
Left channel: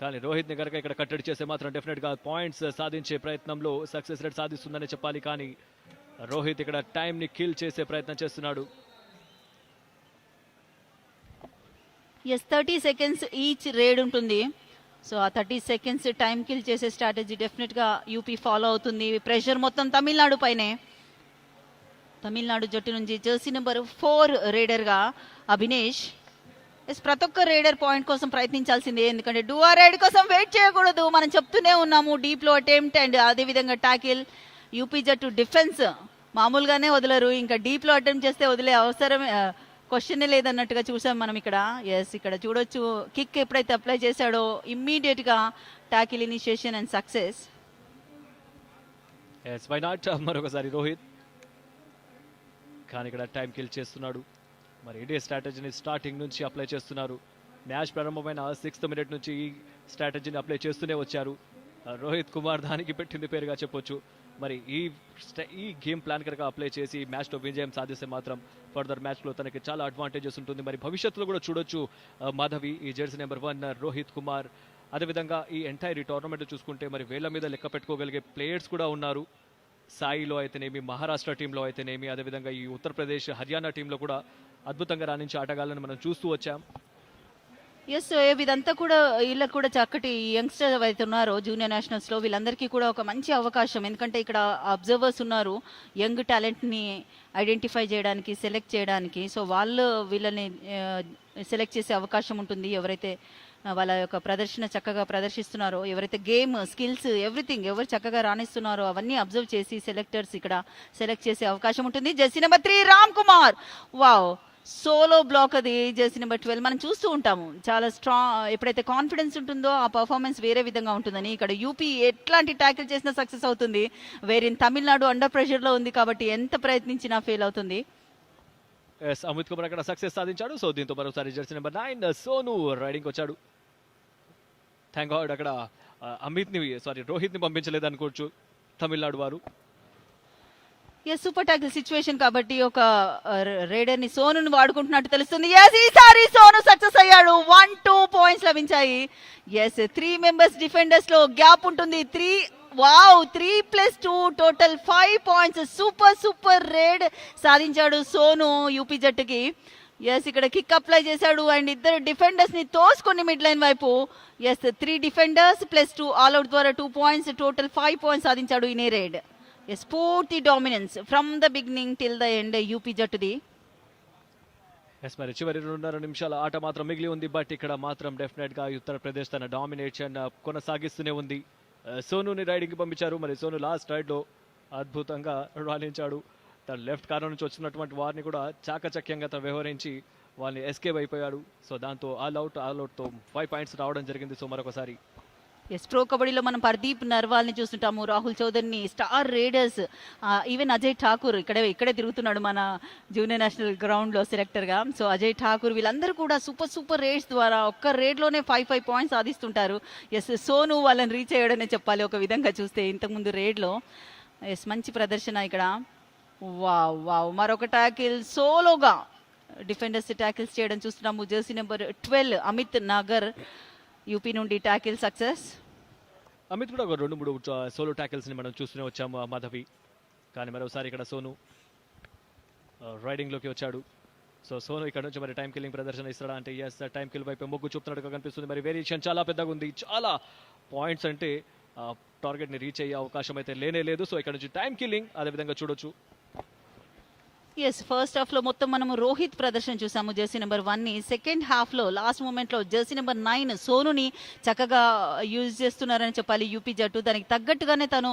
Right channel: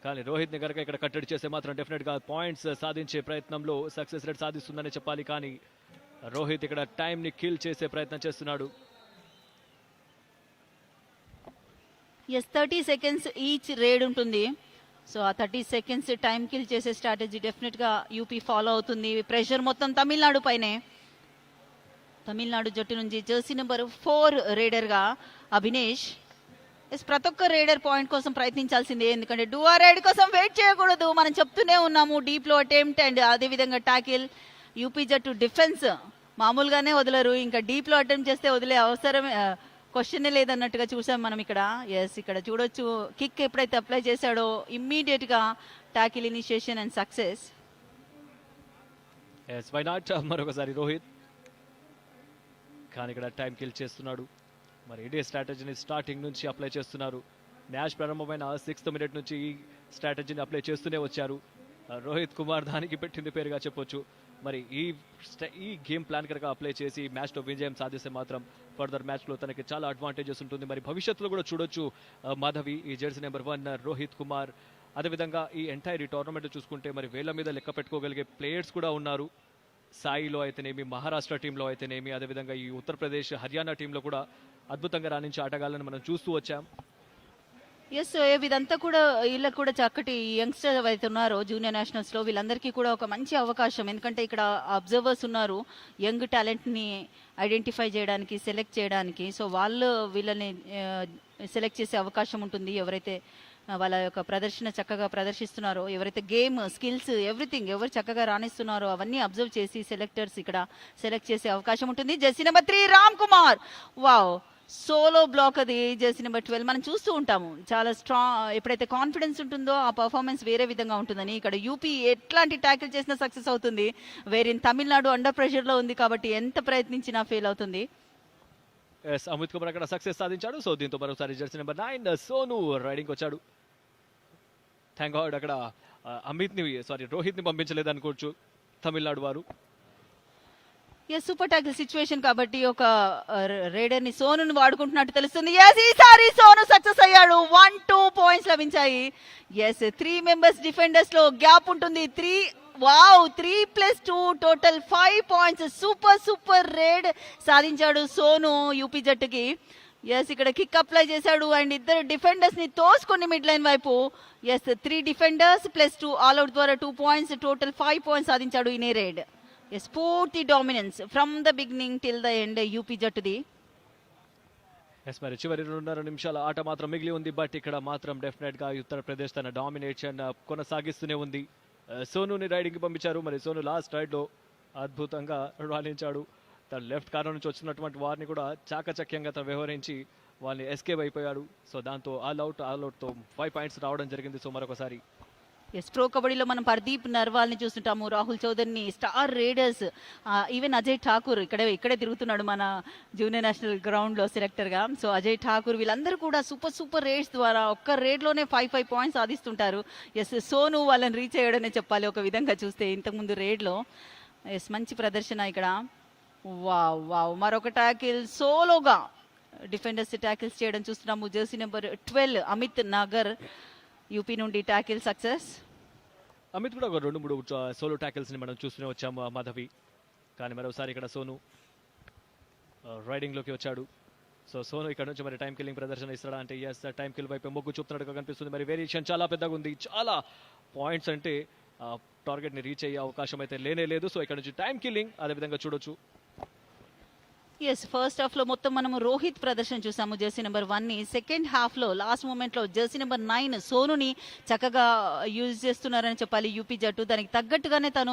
కానీ రోహిత్ ని కనుక ఇక్కడ కట్టడి చేస్తే మాత్రం డెఫినెట్ గా పాయింట్స్ సాధించే ప్రయత్నంలో సక్సెస్ రేట్ సాధిస్తుందని చెప్పాలి. కానీ రోహిత్ ఇక్కడ టైం ని కిల్ చేసే ప్రయత్నం చేస్తున్నాడు. ఎస్, 30 సెకండ్స్ ఈచ్ రేడ్ ఉంటుంది. సో ఆ 30 సెకండ్స్ టైం కిల్ చేసే స్ట్రాటజీ డెఫినెట్ గా యూపీ ఫాలో అవుతుంది. ప్రెషర్ మొత్తం తమిళనాడు పైనే. తమిళనాడు జట్టు నుంచి జెర్సీ నెంబర్ 4 రైడర్ గా అభినేష్. ప్రతి ఒక్క రైడర్ పాయింట్ కోసం ప్రయత్నించాల్సిందే, ఎందుకంటే డూఆర్ రైడ్ కోసం వెయిట్ చేయకూడదు. మనం చెప్తూనే ఉన్నాము. డీప్ లో అటెంప్ట్ అండ్ అదే విధంగా టాకిల్. యూపీ జట్టు డిఫెన్స్ మామూలుగానే వదలరు, ఇంకా డీప్ లో అటెంప్ట్ చేస్తే వదిలే అవసరం క్వశ్చన్ లేదన్నట్టుగా చూసాం మనం ఇక్కడ. ఎస్, ఇక్కడ చూడొచ్చు కిక్ ఎప్పుడైతే అప్లై చేశాడో ఇమ్మీడియట్ గా టాకిల్ ఇనిషియేషన్ అండ్ సక్సెస్. మరొకసారి రోహిత్ కానీ ఇక్కడ టైం కిల్ చేస్తున్నాడు. మరి ఇదే స్ట్రాటజీని స్టార్టింగ్ నుంచి అప్లై చేస్తున్నారు. మ్యాచ్ ప్రారంభమైన 6th మినిట్ నుంచి ఈ స్ట్రాటజీని అప్లై చేస్తూనే వచ్చారు. రోహిత్ కుమార్ దానికి పెట్టింది పేరుగా చెప్పొచ్చు. మరి ఈ గేమ్ ప్లాన్ కనుక అప్లై చేసి మ్యాచ్ లో విజయం సాధిస్తే మాత్రం ఫర్దర్ మ్యాచ్ లో తనకి చాలా అడ్వాంటేజెస్ ఉంటుంది. మరి భవిష్యత్తులో కూడా చూడొచ్చు మాధవి, ఈ జెర్సీ నెంబర్ 1 రోహిత్ కుమార్. అదేవిధంగా ఈ ఎంటైర్ టోర్నమెంట్ చూసుకుంటే మరి వేల మీద లెక్క పెట్టుకోగలిగే ప్లేయర్స్ కూడా ఉన్నారు. సాయిలో అయితేనేమి, మహారాష్ట్ర టీంలో అయితేనేమి, అదేవిధంగా ఈ ఉత్తరప్రదేశ్ హర్యానా టీంలో కూడా అద్భుతంగా రాణించే ఆటగాళ్ళని మనం చూస్తూ వచ్చాం. ఎస్, ఇదంతా కూడా వీళ్ళకి కూడా చక్కటి యంగ్స్టర్ అయితే ఉన్నారో జూనియర్ నేషనల్స్ లో, వీళ్ళందరికీ కూడా ఒక మంచి అవకాశం. ఎందుకంటే ఇక్కడ అబ్జర్వర్స్ ఉన్నారు యంగ్ టాలెంట్ ని ఐడెంటిఫై చేయడానికి, సెలెక్ట్ చేయడానికి. సో వాళ్ళు వీళ్ళని సెలెక్ట్ చేసే అవకాశం ఉంటుంది. ఎవరైతే వాళ్ళ యొక్క ప్రదర్శన చక్కగా ప్రదర్శిస్తున్నారో, ఎవరైతే గేమ్ స్కిల్స్ ఎవ్రీథింగ్ ఎవరు చక్కగా రాణిస్తున్నారో అవన్నీ అబ్జర్వ్ చేసి సెలెక్టర్స్ ఇక్కడ సెలెక్ట్ చేసే అవకాశం ఉంటుంది. Jersey number 3 Ram Kumar, wow, solo block. అది జెర్సీ నెంబర్ 12 మనం చూస్తూ ఉంటాము. చాలా స్ట్రాంగ్, ఎప్పుడైతే కాన్ఫిడెన్స్ ఉంటుందో ఆ పర్ఫార్మెన్స్ వేరే విధంగా ఉంటుందని. ఇక్కడ యూపీ ఎట్లాంటి ట్యాకిల్ చేసినా సక్సెస్ అవుతుంది. వేరే తమిళనాడు అండర్ ప్రెషర్ లో ఉంది కాబట్టి ఎంత ప్రయత్నించినా ఫెయిల్ అవుతుంది. అమిత్ కుమార్ అక్కడ సక్సెస్ సాధించాడు. సో దీంతో మరోసారి జెర్సీ నెంబర్ 9 సోను రైడింగ్ వచ్చాడు. థ్యాంక్ గాడ్ అక్కడ రోహిత్ ని పంపించలేదు అనుకోవచ్చు తమిళనాడు వారు. సూపర్ టాకిల్ సిచ్యువేషన్ కాబట్టి ఒక రైడర్ ని సోను వాడుకుంటున్నట్టు తెలుస్తుంది. ఈసారి సోను సక్సెస్ అయ్యాడు. 1-2 పాయింట్స్ లభించాయి. ఎస్, 3 మెంబర్స్ డిఫెండర్స్ లో గ్యాప్ ఉంటుంది. 3+2 టోటల్ 5 పాయింట్స్. సూపర్ రైడ్ సాధించాడు సోను యూపీ జట్టుకి. ఎస్, ఇక్కడ కిక్ అప్లై చేశాడు అండ్ ఇద్దరు డిఫెండర్స్ ని తోసుకొని మిడ్ లైన్ వైపు. ఎస్, 3 డిఫెండర్స్ +2 ఆల్ అవుట్ ద్వారా 2 పాయింట్స్, టోటల్ 5 పాయింట్స్ సాధించాడు ఈ రైడ్. ఎస్, పూర్తి dominance from the beginning till the end UP జట్టుది. చివరి 2.5 నిమిషాల ఆట మాత్రం మిగిలి ఉంది. బట్ ఇక్కడ మాత్రం డెఫినెట్ గా ఉత్తరప్రదేశ్ తన డామినేషన్ కొనసాగిస్తూనే ఉంది. సోనుని రైడ్ కి పంపించారు. మరి సోను లాస్ట్ రైడ్ లో అద్భుతంగా రాణించాడు. తన లెఫ్ట్ కార్నర్ నుంచి వచ్చినటువంటి వారిని కూడా చాకచక్యంగా తను వ్యవహరించి వారిని ఎస్కేప్ అయిపోయారు. సో దాంతో ఆల్ అవుట్ తో 5 పాయింట్స్ రావడం జరిగింది. సో మరొకసారి ఎస్ ప్రో కబడ్డీలో మనం పర్దీప్ నర్వాల్ని చూస్తుంటాము, రాహుల్ చౌదరిని, star raiders, even Ajay Thakur ఇక్కడే తిరుగుతున్నాడు మన జూనియర్ నేషనల్ గ్రౌండ్ లో సెలెక్టర్ గా. సో అజయ్ ఠాకూర్ వీళ్ళందరూ కూడా సూపర్ రేడ్స్ ద్వారా ఒక్క రేడ్ లోనే 5 పాయింట్స్ సాధిస్తుంటారు. ఎస్ సోను వాళ్ళని రీచ్ అయ్యాడనే చెప్పాలి ఒక విధంగా చూస్తే ఇంతకుముందు రేడ్ లో. ఎస్ మంచి ప్రదర్శన ఇక్కడ. వావ్ వావ్, మరొక ట్యాకిల్ సోలోగా డిఫెండర్స్ ట్యాకిల్స్ చేయడం చూస్తున్నాము. Jersey number 12 Amit Nagar UP నుండి ట్యాకిల్ సక్సెస్. అమిత్ కూడా ఒక 2-3 సోలో ట్యాకిల్స్ ని మనం చూస్తూనే వచ్చాము మాధవి. కానీ మరోసారి ఇక్కడ సోను రైడింగ్ లోకి వచ్చాడు. సో సోను ఇక్కడ నుంచి మరి టైం కిల్లింగ్ ప్రదర్శన ఇస్తాడా అంటే ఎస్, టైం కిల్ వైపు మొగ్గు చూపుతున్నట్టుగా కనిపిస్తుంది. మరి వేరియేషన్ చాలా పెద్దగా ఉంది, చాలా పాయింట్స్ అంటే టార్గెట్ ని రీచ్ అయ్యే అవకాశం అయితే లేదు. సో ఇక్కడ నుంచి టైం కిల్లింగ్ అదే విధంగా చూడొచ్చు. ఎస్ ఫస్ట్ హాఫ్ లో మొత్తం మనం రోహిత్ ప్రదర్శన చూసాము జెర్సీ నెంబర్ 1 ని. సెకండ్ హాఫ్ లో లాస్ట్ మూమెంట్ లో జెర్సీ నెంబర్ 9 సోనుని చక్కగా యూజ్ చేస్తున్నారని చెప్పాలి యూపీ జట్టు. దానికి తగ్గట్టుగానే తను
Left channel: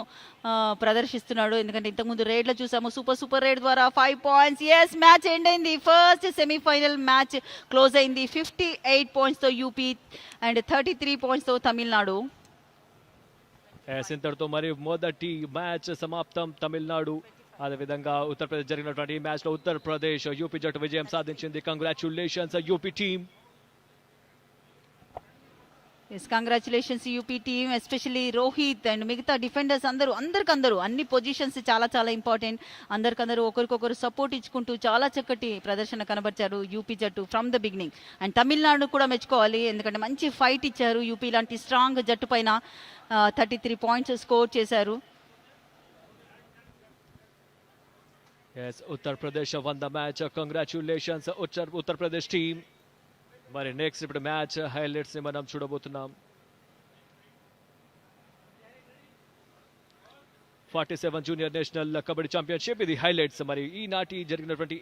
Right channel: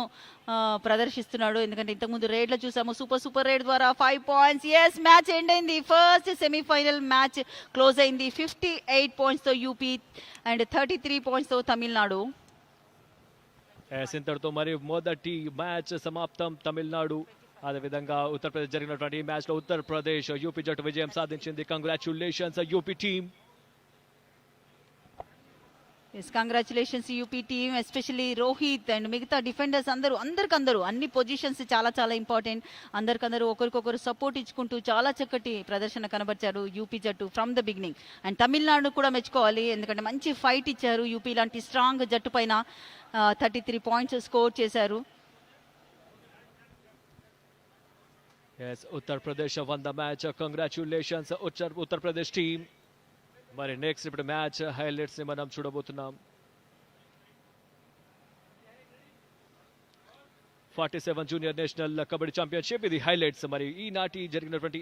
ప్రదర్శిస్తున్నాడు. ఎందుకంటే ఇంతకుముందు రేడ్ లో చూసాము సూపర్ రేడ్ ద్వారా 5 పాయింట్స్. ఎస్ మ్యాచ్ ఎండ్ అయింది. ఫస్ట్ సెమీఫైనల్ మ్యాచ్ క్లోజ్ అయింది 58 పాయింట్స్ తో యూపీ అండ్ 33 పాయింట్స్ తో తమిళనాడు. ఇంతటితో మరియు మొదటి మ్యాచ్ సమాప్తం. తమిళనాడు అదేవిధంగా ఉత్తరప్రదేశ్ జరిగినటువంటి ఈ మ్యాచ్ లో ఉత్తరప్రదేశ్ యూపీ జట్టు విజయం సాధించింది. Congratulations UP team. Congratulations UP team, especially Rohit and మిగతా డిఫెండర్స్ అందరికందరూ అన్ని పొజిషన్స్ చాలా ఇంపార్టెంట్. అందరికందరూ ఒకరికొకరు సపోర్ట్ ఇచ్చుకుంటూ చాలా చక్కటి ప్రదర్శన కనబరిచారు యూపీ జట్టు from the beginning. And Tamil Nadu కూడా మెచ్చుకోవాలి, ఎందుకంటే మంచి ఫైట్ ఇచ్చారు. యూపీ లాంటి స్ట్రాంగ్ జట్టు పైన 33 పాయింట్స్ స్కోర్ చేశారు. Yes, Uttar Pradesh won the match. Congratulations, Uttar Pradesh team. మరి నెక్స్ట్ ఇప్పుడు మ్యాచ్ హైలైట్స్ ని మనం చూడబోతున్నాం. 47 జూనియర్ నేషనల్ కబడ్డీ ఛాంపియన్షిప్ ఇది హైలైట్స్. మరి ఈనాటి జరిగినటువంటి